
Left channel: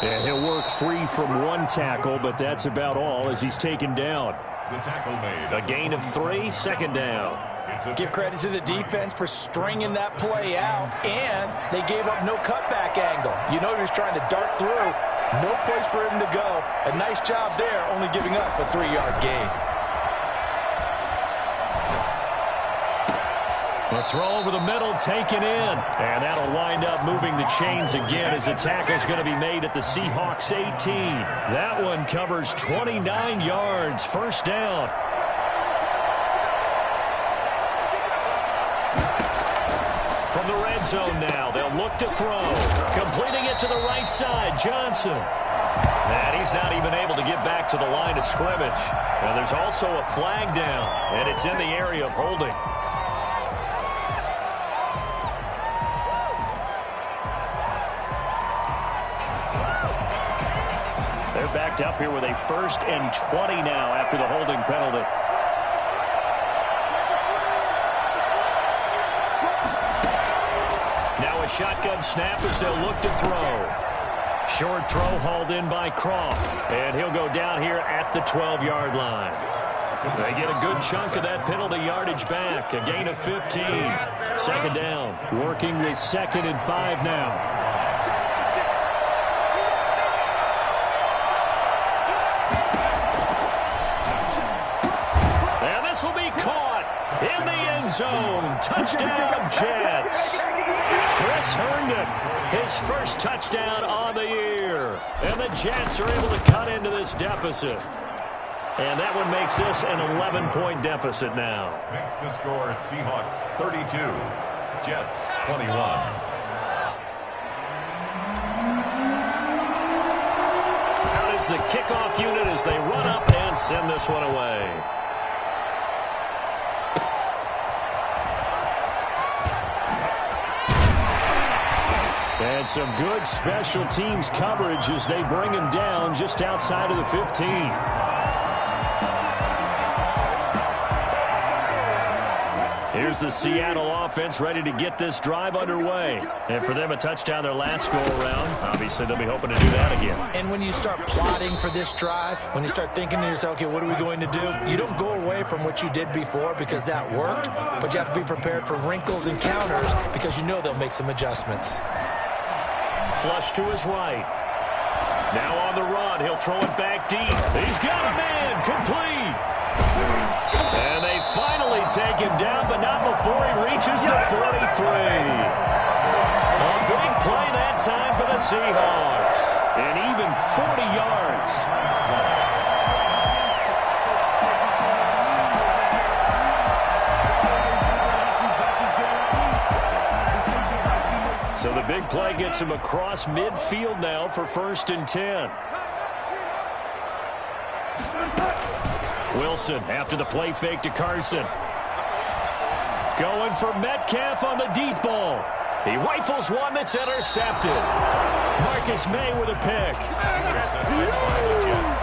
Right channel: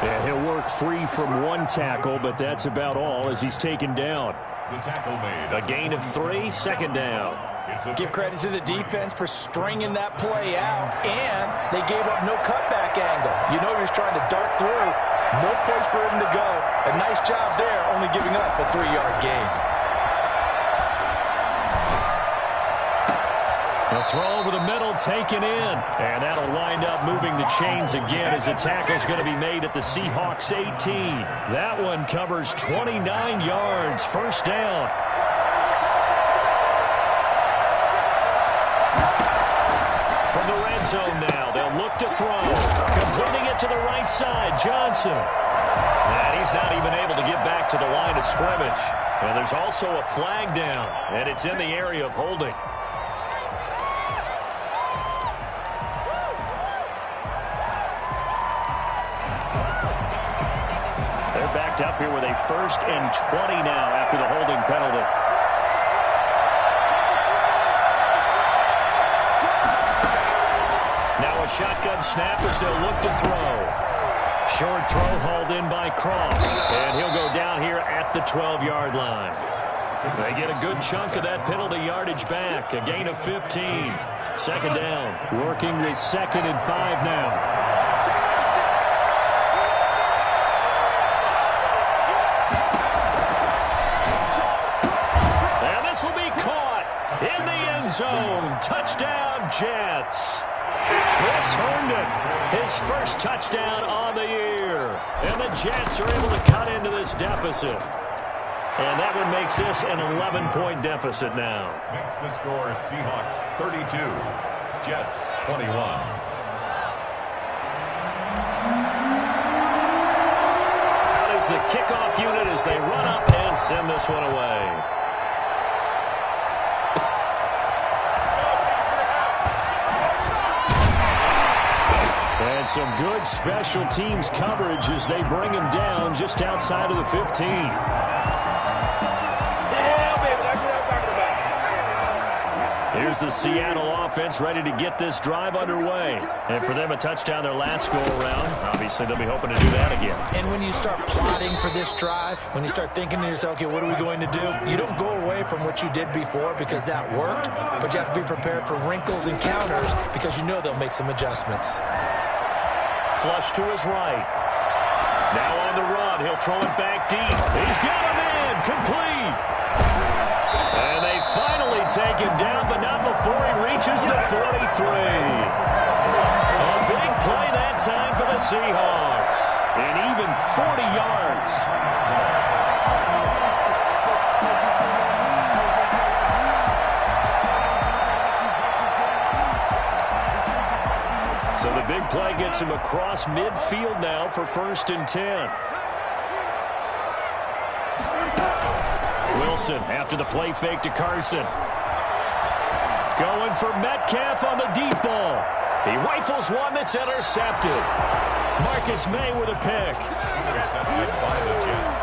And he'll work free from 1 tackle, but that's about all as he's taken down. The tackle made. A gain of 3, 2nd down. Give credit to the defense for stringing that play out, and they gave up no cutback angle. You know he was trying to dart through. No place for him to go. A nice job there, only giving up a 3-yard gain. A throw over the middle taken in. And that'll wind up moving the chains again as the tackle's going to be made at the Seahawks 18. That one covers 29 yards. 1st down. From the red zone now, they'll look to throw. Completing it to the right side, Johnson. And he's not even able to get back to the line of scrimmage. And there's also a flag down, and it's in the area of holding. They're backed up here with a 1st and 20 now after the holding penalty. Now a shotgun snap as they'll look to throw. Short throw hauled in by Croft. And he'll go down here at the 12-yard line. They get a good chunk of that penalty yardage back. A gain of 15. 2nd down. Working with 2nd and 5 now. This will be caught in the end zone. Touchdown, Jets. Chris Herndon, his first touchdown on the year. And the Jets are able to cut into this deficit. And that one makes this an 11-point deficit now. Makes the score Seahawks 32, Jets 21. Out is the kickoff unit as they run up and send this one away. And some good special teams coverage as they bring him down just outside of the 15. Here's the Seattle offense ready to get this drive underway. And for them, a touchdown their last go-around. Obviously, they'll be hoping to do that again. And when you start plotting for this drive, when you start thinking to yourself, okay, what are we going to do? You don't go away from what you did before because that worked, but you have to be prepared for wrinkles and counters because you know they'll make some adjustments. Flush to his right. Now on the run. He'll throw it back deep. He's got a man. Complete. And they finally take him down, but not before he reaches the 43. A big play that time for the Seahawks. And even 40 yards. So the big play gets him across midfield now for 1st and 10. Wilson after the play fake to Carson. Going for Metcalf on the deep ball. He rifles one that's intercepted. Marcus May with a pick. Intercepted by the Jets.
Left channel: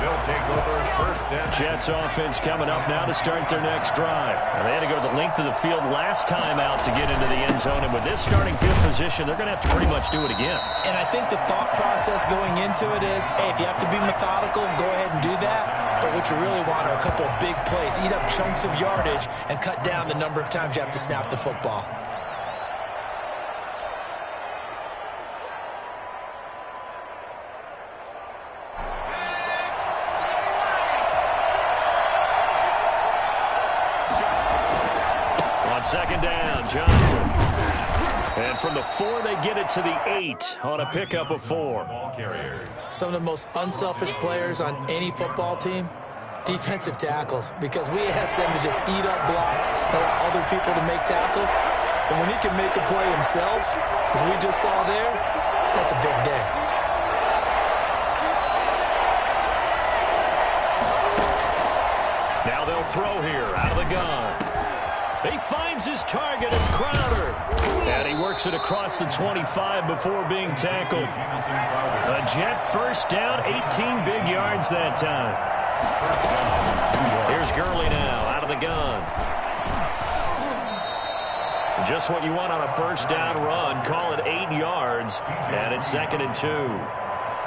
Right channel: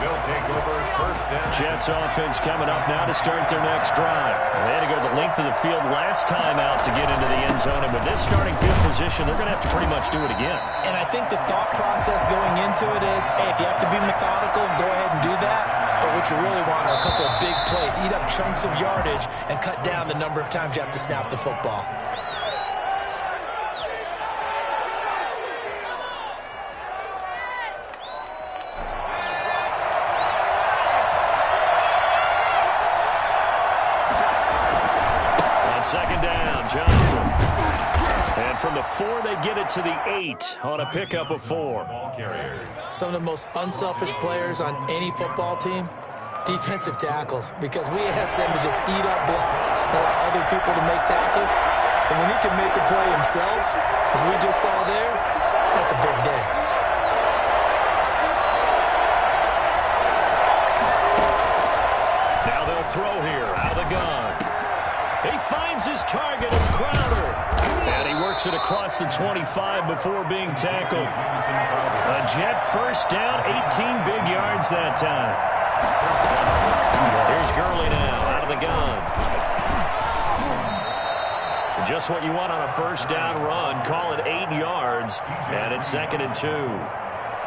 They'll take over 1st and 10. Jets offense coming up now to start their next drive. And they had to go the length of the field last time out to get into the end zone. And with this starting field position, they're going to have to pretty much do it again. And I think the thought process going into it is, hey, if you have to be methodical, go ahead and do that. But what you really want are a couple of big plays. Eat up chunks of yardage and cut down the number of times you have to snap the football. On 2nd down, Johnson. And from the 4, they get it to the 8 on a pickup of 4. Some of the most unselfish players on any football team, defensive tackles, because we ask them to just eat up blocks and allow other people to make tackles. But when he can make a play himself, as we just saw there, that's a big day. Now they'll throw here out of the gun. He finds his target. It's Crowder. And he works it across the 25 before being tackled. A Jet 1st down, 18 big yards that time. Here's Gurley now out of the gun. Just what you want on a 1st down run. Call it 8 yards. And it's 2nd and 2.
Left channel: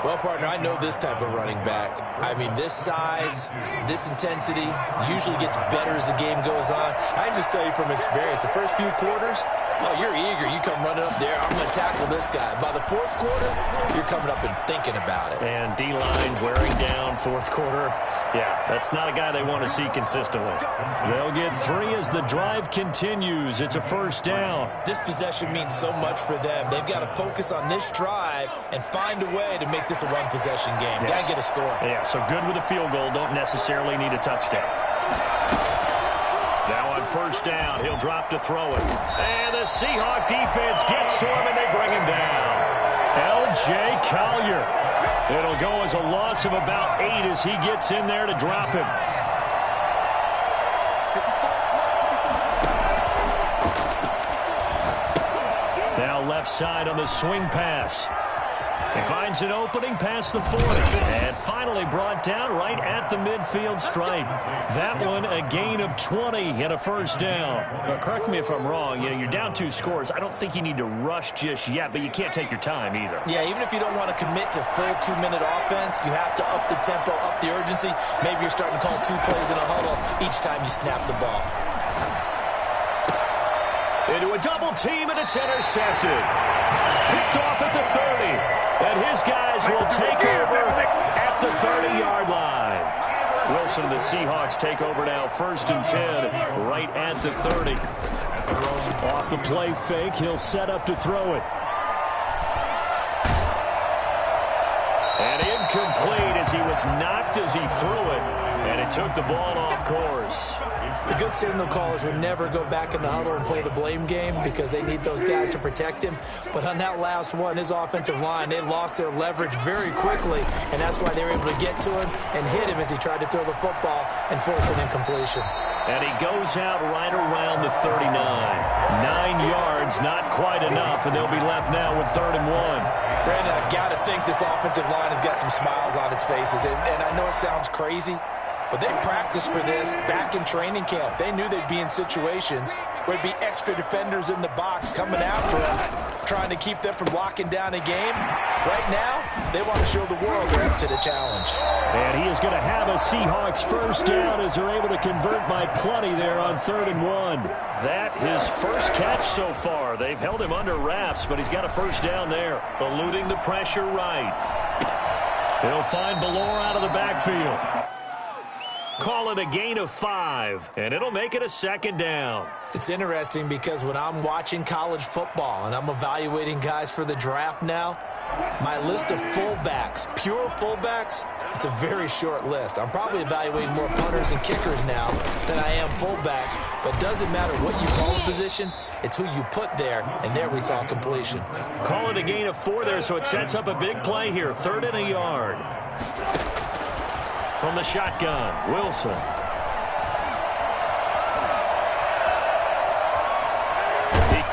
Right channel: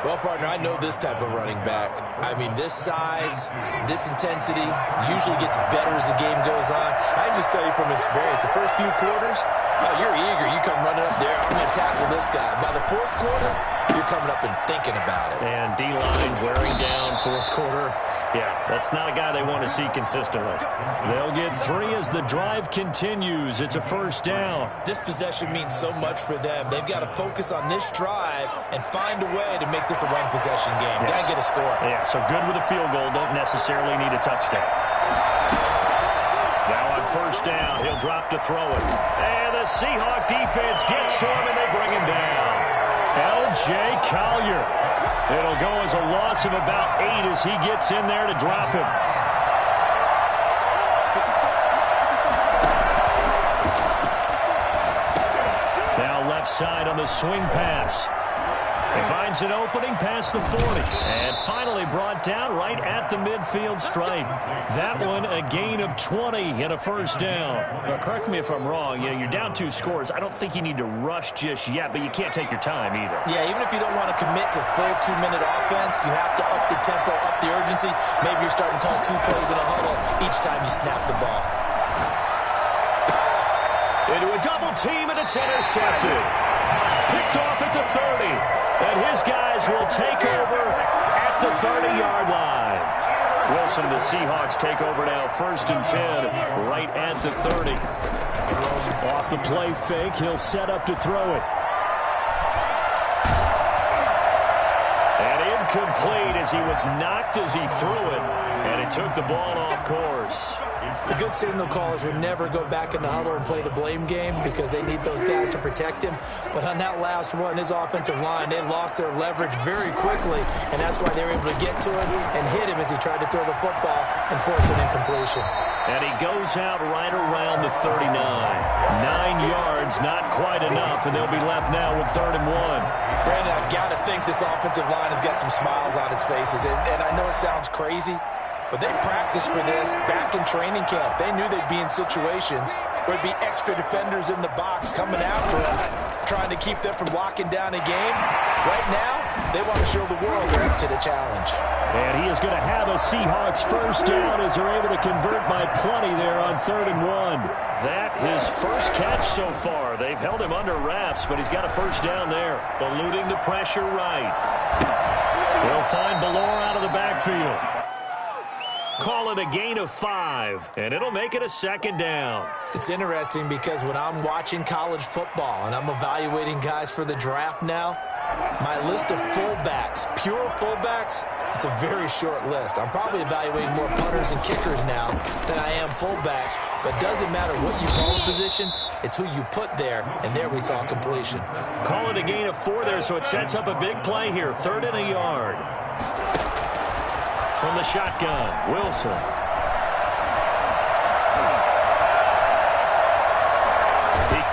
Well, partner, I know this type of running back. I mean, this size, this intensity usually gets better as the game goes on. I can just tell you from experience, the first few quarters, oh, you're eager. You come running up there, I'm going to tackle this guy. By the 4th quarter, you're coming up and thinking about it. And D-line wearing down 4th quarter. Yeah, that's not a guy they want to see consistently. They'll get 3 as the drive continues. It's a 1st down. This possession means so much for them. They've got to focus on this drive and find a way to make this a one-possession game. Yes. Got to get a score. Yeah, so good with a field goal. Don't necessarily need a touchdown. Now on 1st down, he'll drop to throw it. And the Seahawk defense gets to him, and they bring him down. L.J. Collier. It'll go as a loss of about 8 as he gets in there to drop him. Now left side on the swing pass. He finds an opening past the 40. And finally brought down right at the midfield stripe. That one a gain of 20 and a 1st down. Now, correct me if I'm wrong. You know, you're down 2 scores. I don't think you need to rush just yet, but you can't take your time either. Yeah, even if you don't want to commit to full 2-minute offense, you have to up the tempo, up the urgency. Maybe you're starting to call 2 plays in a huddle each time you snap the ball. Into a double team, and it's intercepted. Picked off at the 30. And his guys will take over at the 30-yard line. Wilson and the Seahawks take over now, 1st and 10, right at the 30. Off the play fake, he'll set up to throw it. And incomplete as he was knocked as he threw it. And it took the ball off course. The good signal callers would never go back in the huddle and play the blame game because they need those guys to protect him. But on that last one, his offensive line, they lost their leverage very quickly, and that's why they were able to get to him and hit him as he tried to throw the football and force an incompletion. And he goes out right around the 39. 9 yards, not quite enough, and they'll be left now with 3rd and 1. Brandon, I've got to think this offensive line has got some smiles on its faces, and I know it sounds crazy, but they practiced for this back in training camp. They knew they'd be in situations where there'd be extra defenders in the box coming after them, trying to keep them from locking down a game. Right now, they want to show the world they're up to the challenge. And he is going to have a Seahawks first down as they're able to convert by plenty there on 3rd and 1. That his first catch so far. They've held him under wraps, but he's got a first down there. Eluding the pressure right. He'll find Ballore out of the backfield. Call it a gain of 5, and it'll make it a 2nd down. It's interesting because when I'm watching college football and I'm evaluating guys for the draft now, my list of fullbacks, pure fullbacks, it's a very short list. I'm probably evaluating more punters and kickers now than I am fullbacks, but it doesn't matter what you call the position, it's who you put there, and there we saw completion. Call it a gain of 4 there, so it sets up a big play here, 3rd and a yard. From the shotgun, Wilson.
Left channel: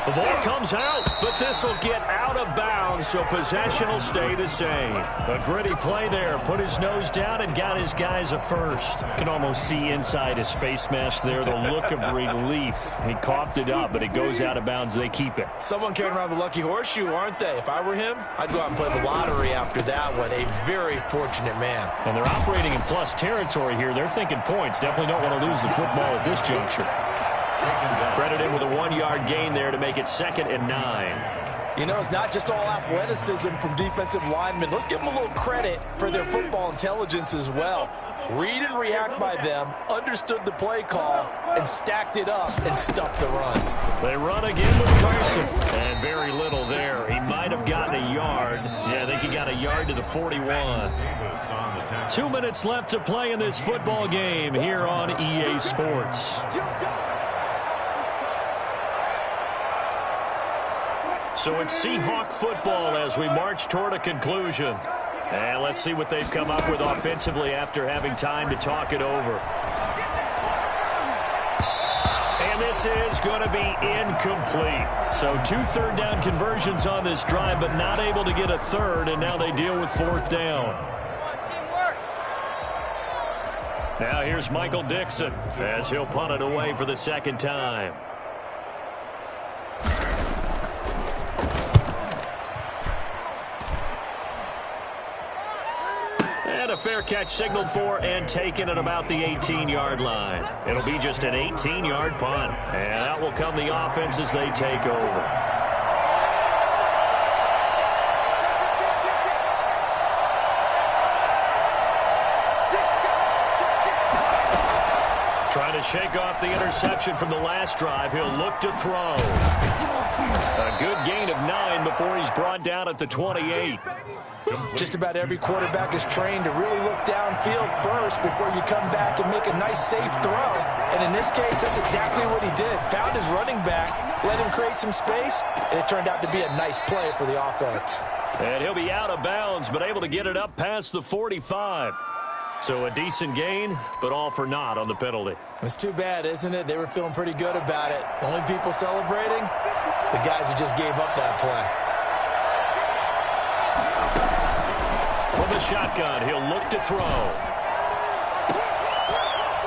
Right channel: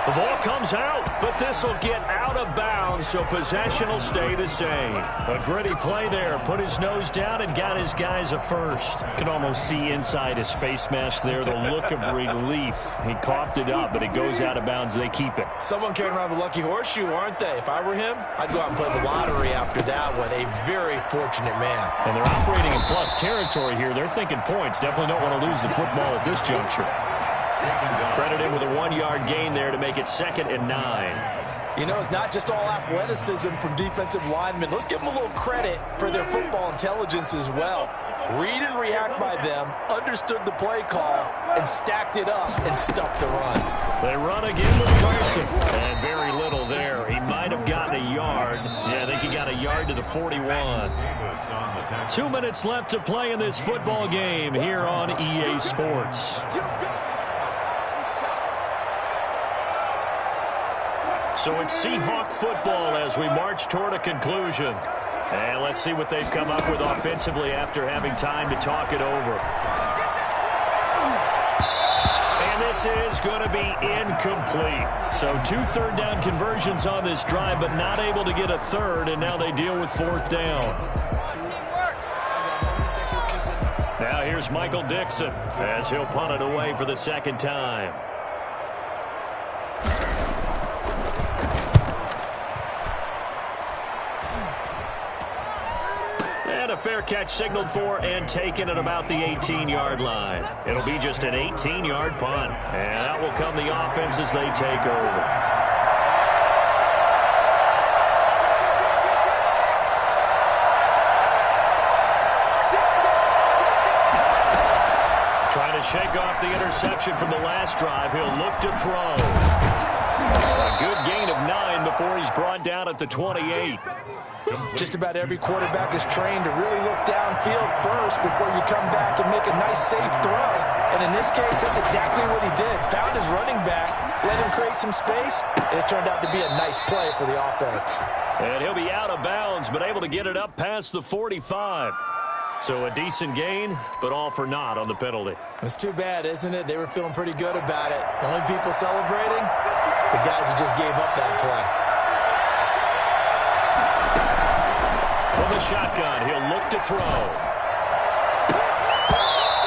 The ball comes out, but this will get out of bounds, so possession will stay the same. A gritty play there. Put his nose down and got his guys a first. Can almost see inside his face mask there the look of relief. He coughed it up, but it goes out of bounds. They keep it. Someone carrying around the lucky horseshoe, aren't they? If I were him, I'd go out and play the lottery after that one. A very fortunate man. And they're operating in plus territory here. They're thinking points. Definitely don't want to lose the football at this juncture. Credit him with a 1-yard gain there to make it 2nd and 9. You know, it's not just all athleticism from defensive linemen. Let's give them a little credit for their football intelligence as well. Read and react by them, understood the play call, and stacked it up and stuffed the run. They run again with Carson. And very little there. He might have gotten a yard. Yeah, I think he got a yard to the 41. 2 minutes left to play in this football game here on EA Sports. So it's Seahawk football as we march toward a conclusion. And let's see what they've come up with offensively after having time to talk it over. And this is going to be incomplete. So 2 3rd down conversions on this drive, but not able to get a 3rd, and now they deal with 4th down. Now here's Michael Dixon as he'll punt it away for the 2nd time. And a fair catch signaled for and taken at about the 18-yard line. It'll be just an 18-yard punt. And that will come the offense as they take over. Trying to shake off the interception from the last drive. He'll look to throw. A good gain of 9 before he's brought down at the 28. Just about every quarterback is trained to really look downfield first before you come back and make a nice, safe throw. And in this case, that's exactly what he did. Found his running back, let him create some space, and it turned out to be a nice play for the offense. And he'll be out of bounds, but able to get it up past the 45. So a decent gain, but all for naught on the penalty. It's too bad, isn't it? They were feeling pretty good about it. Only people celebrating, the guys who just gave up that play. From the shotgun, he'll look to throw.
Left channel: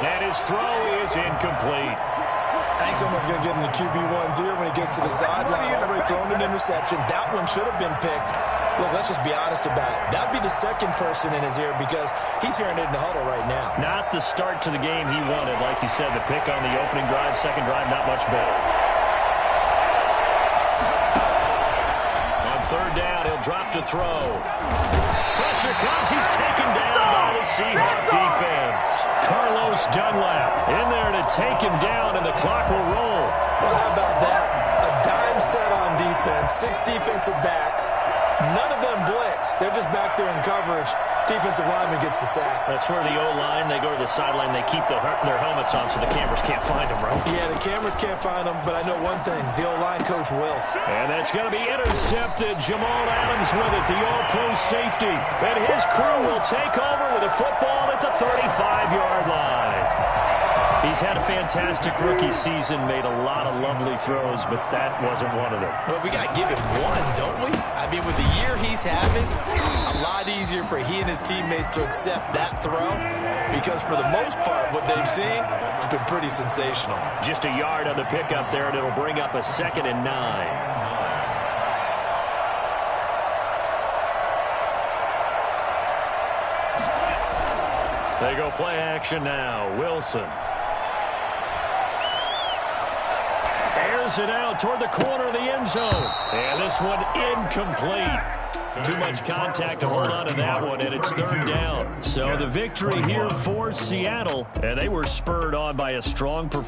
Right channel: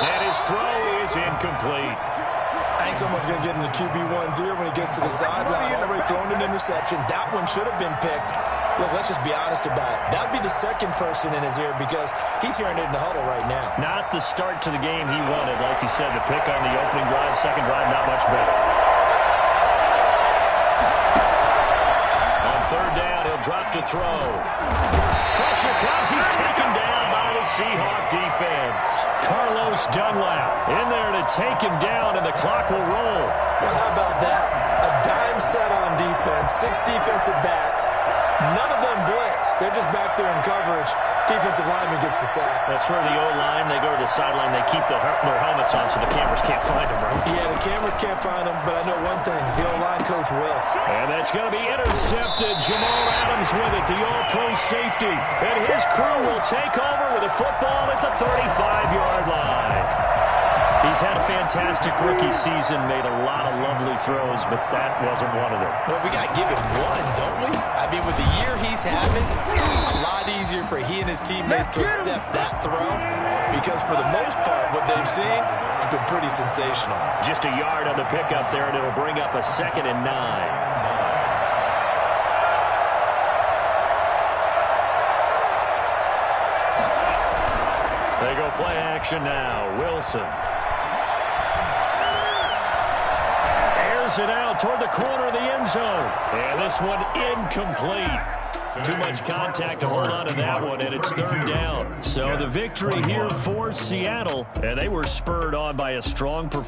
And his throw is incomplete. I think someone's going to get in the QB1's ear when he gets to the sideline. Already thrown an interception. That one should have been picked. Look, let's just be honest about it. That would be the second person in his ear because he's hearing it in the huddle right now. Not the start to the game he wanted. Like you said, the pick on the opening drive, second drive, not much better. On 3rd down, he'll drop to throw. Pressure comes. He's taken down by the Seahawk defense. Carlos Dunlap in there to take him down, and the clock will roll. Well, how about that? A dime set on defense, 6 defensive backs. None of them blitz. They're just back there in coverage. Defensive lineman gets the sack. That's where the O-line, they go to the sideline, they keep their helmets on so the cameras can't find them, right? Yeah, the cameras can't find them, but I know one thing. The O-line coach will. And that's going to be intercepted. Jamal Adams with it, the all-pro safety. And his crew will take over with a football at the 35-yard line. He's had a fantastic rookie season, made a lot of lovely throws, but that wasn't one of them. But we got to give him one, don't we? I mean, with the year he's having, a lot easier for he and his teammates to accept that throw because for the most part, what they've seen, it's been pretty sensational. Just a yard on the pickup there, and it'll bring up a 2nd and 9. They go play action now. Wilson. Airs it out toward the corner of the end zone. And this one incomplete. Too much contact to hold on to that one, and it's 3rd down. So the victory here for Seattle, and they were spurred on by a strong performance.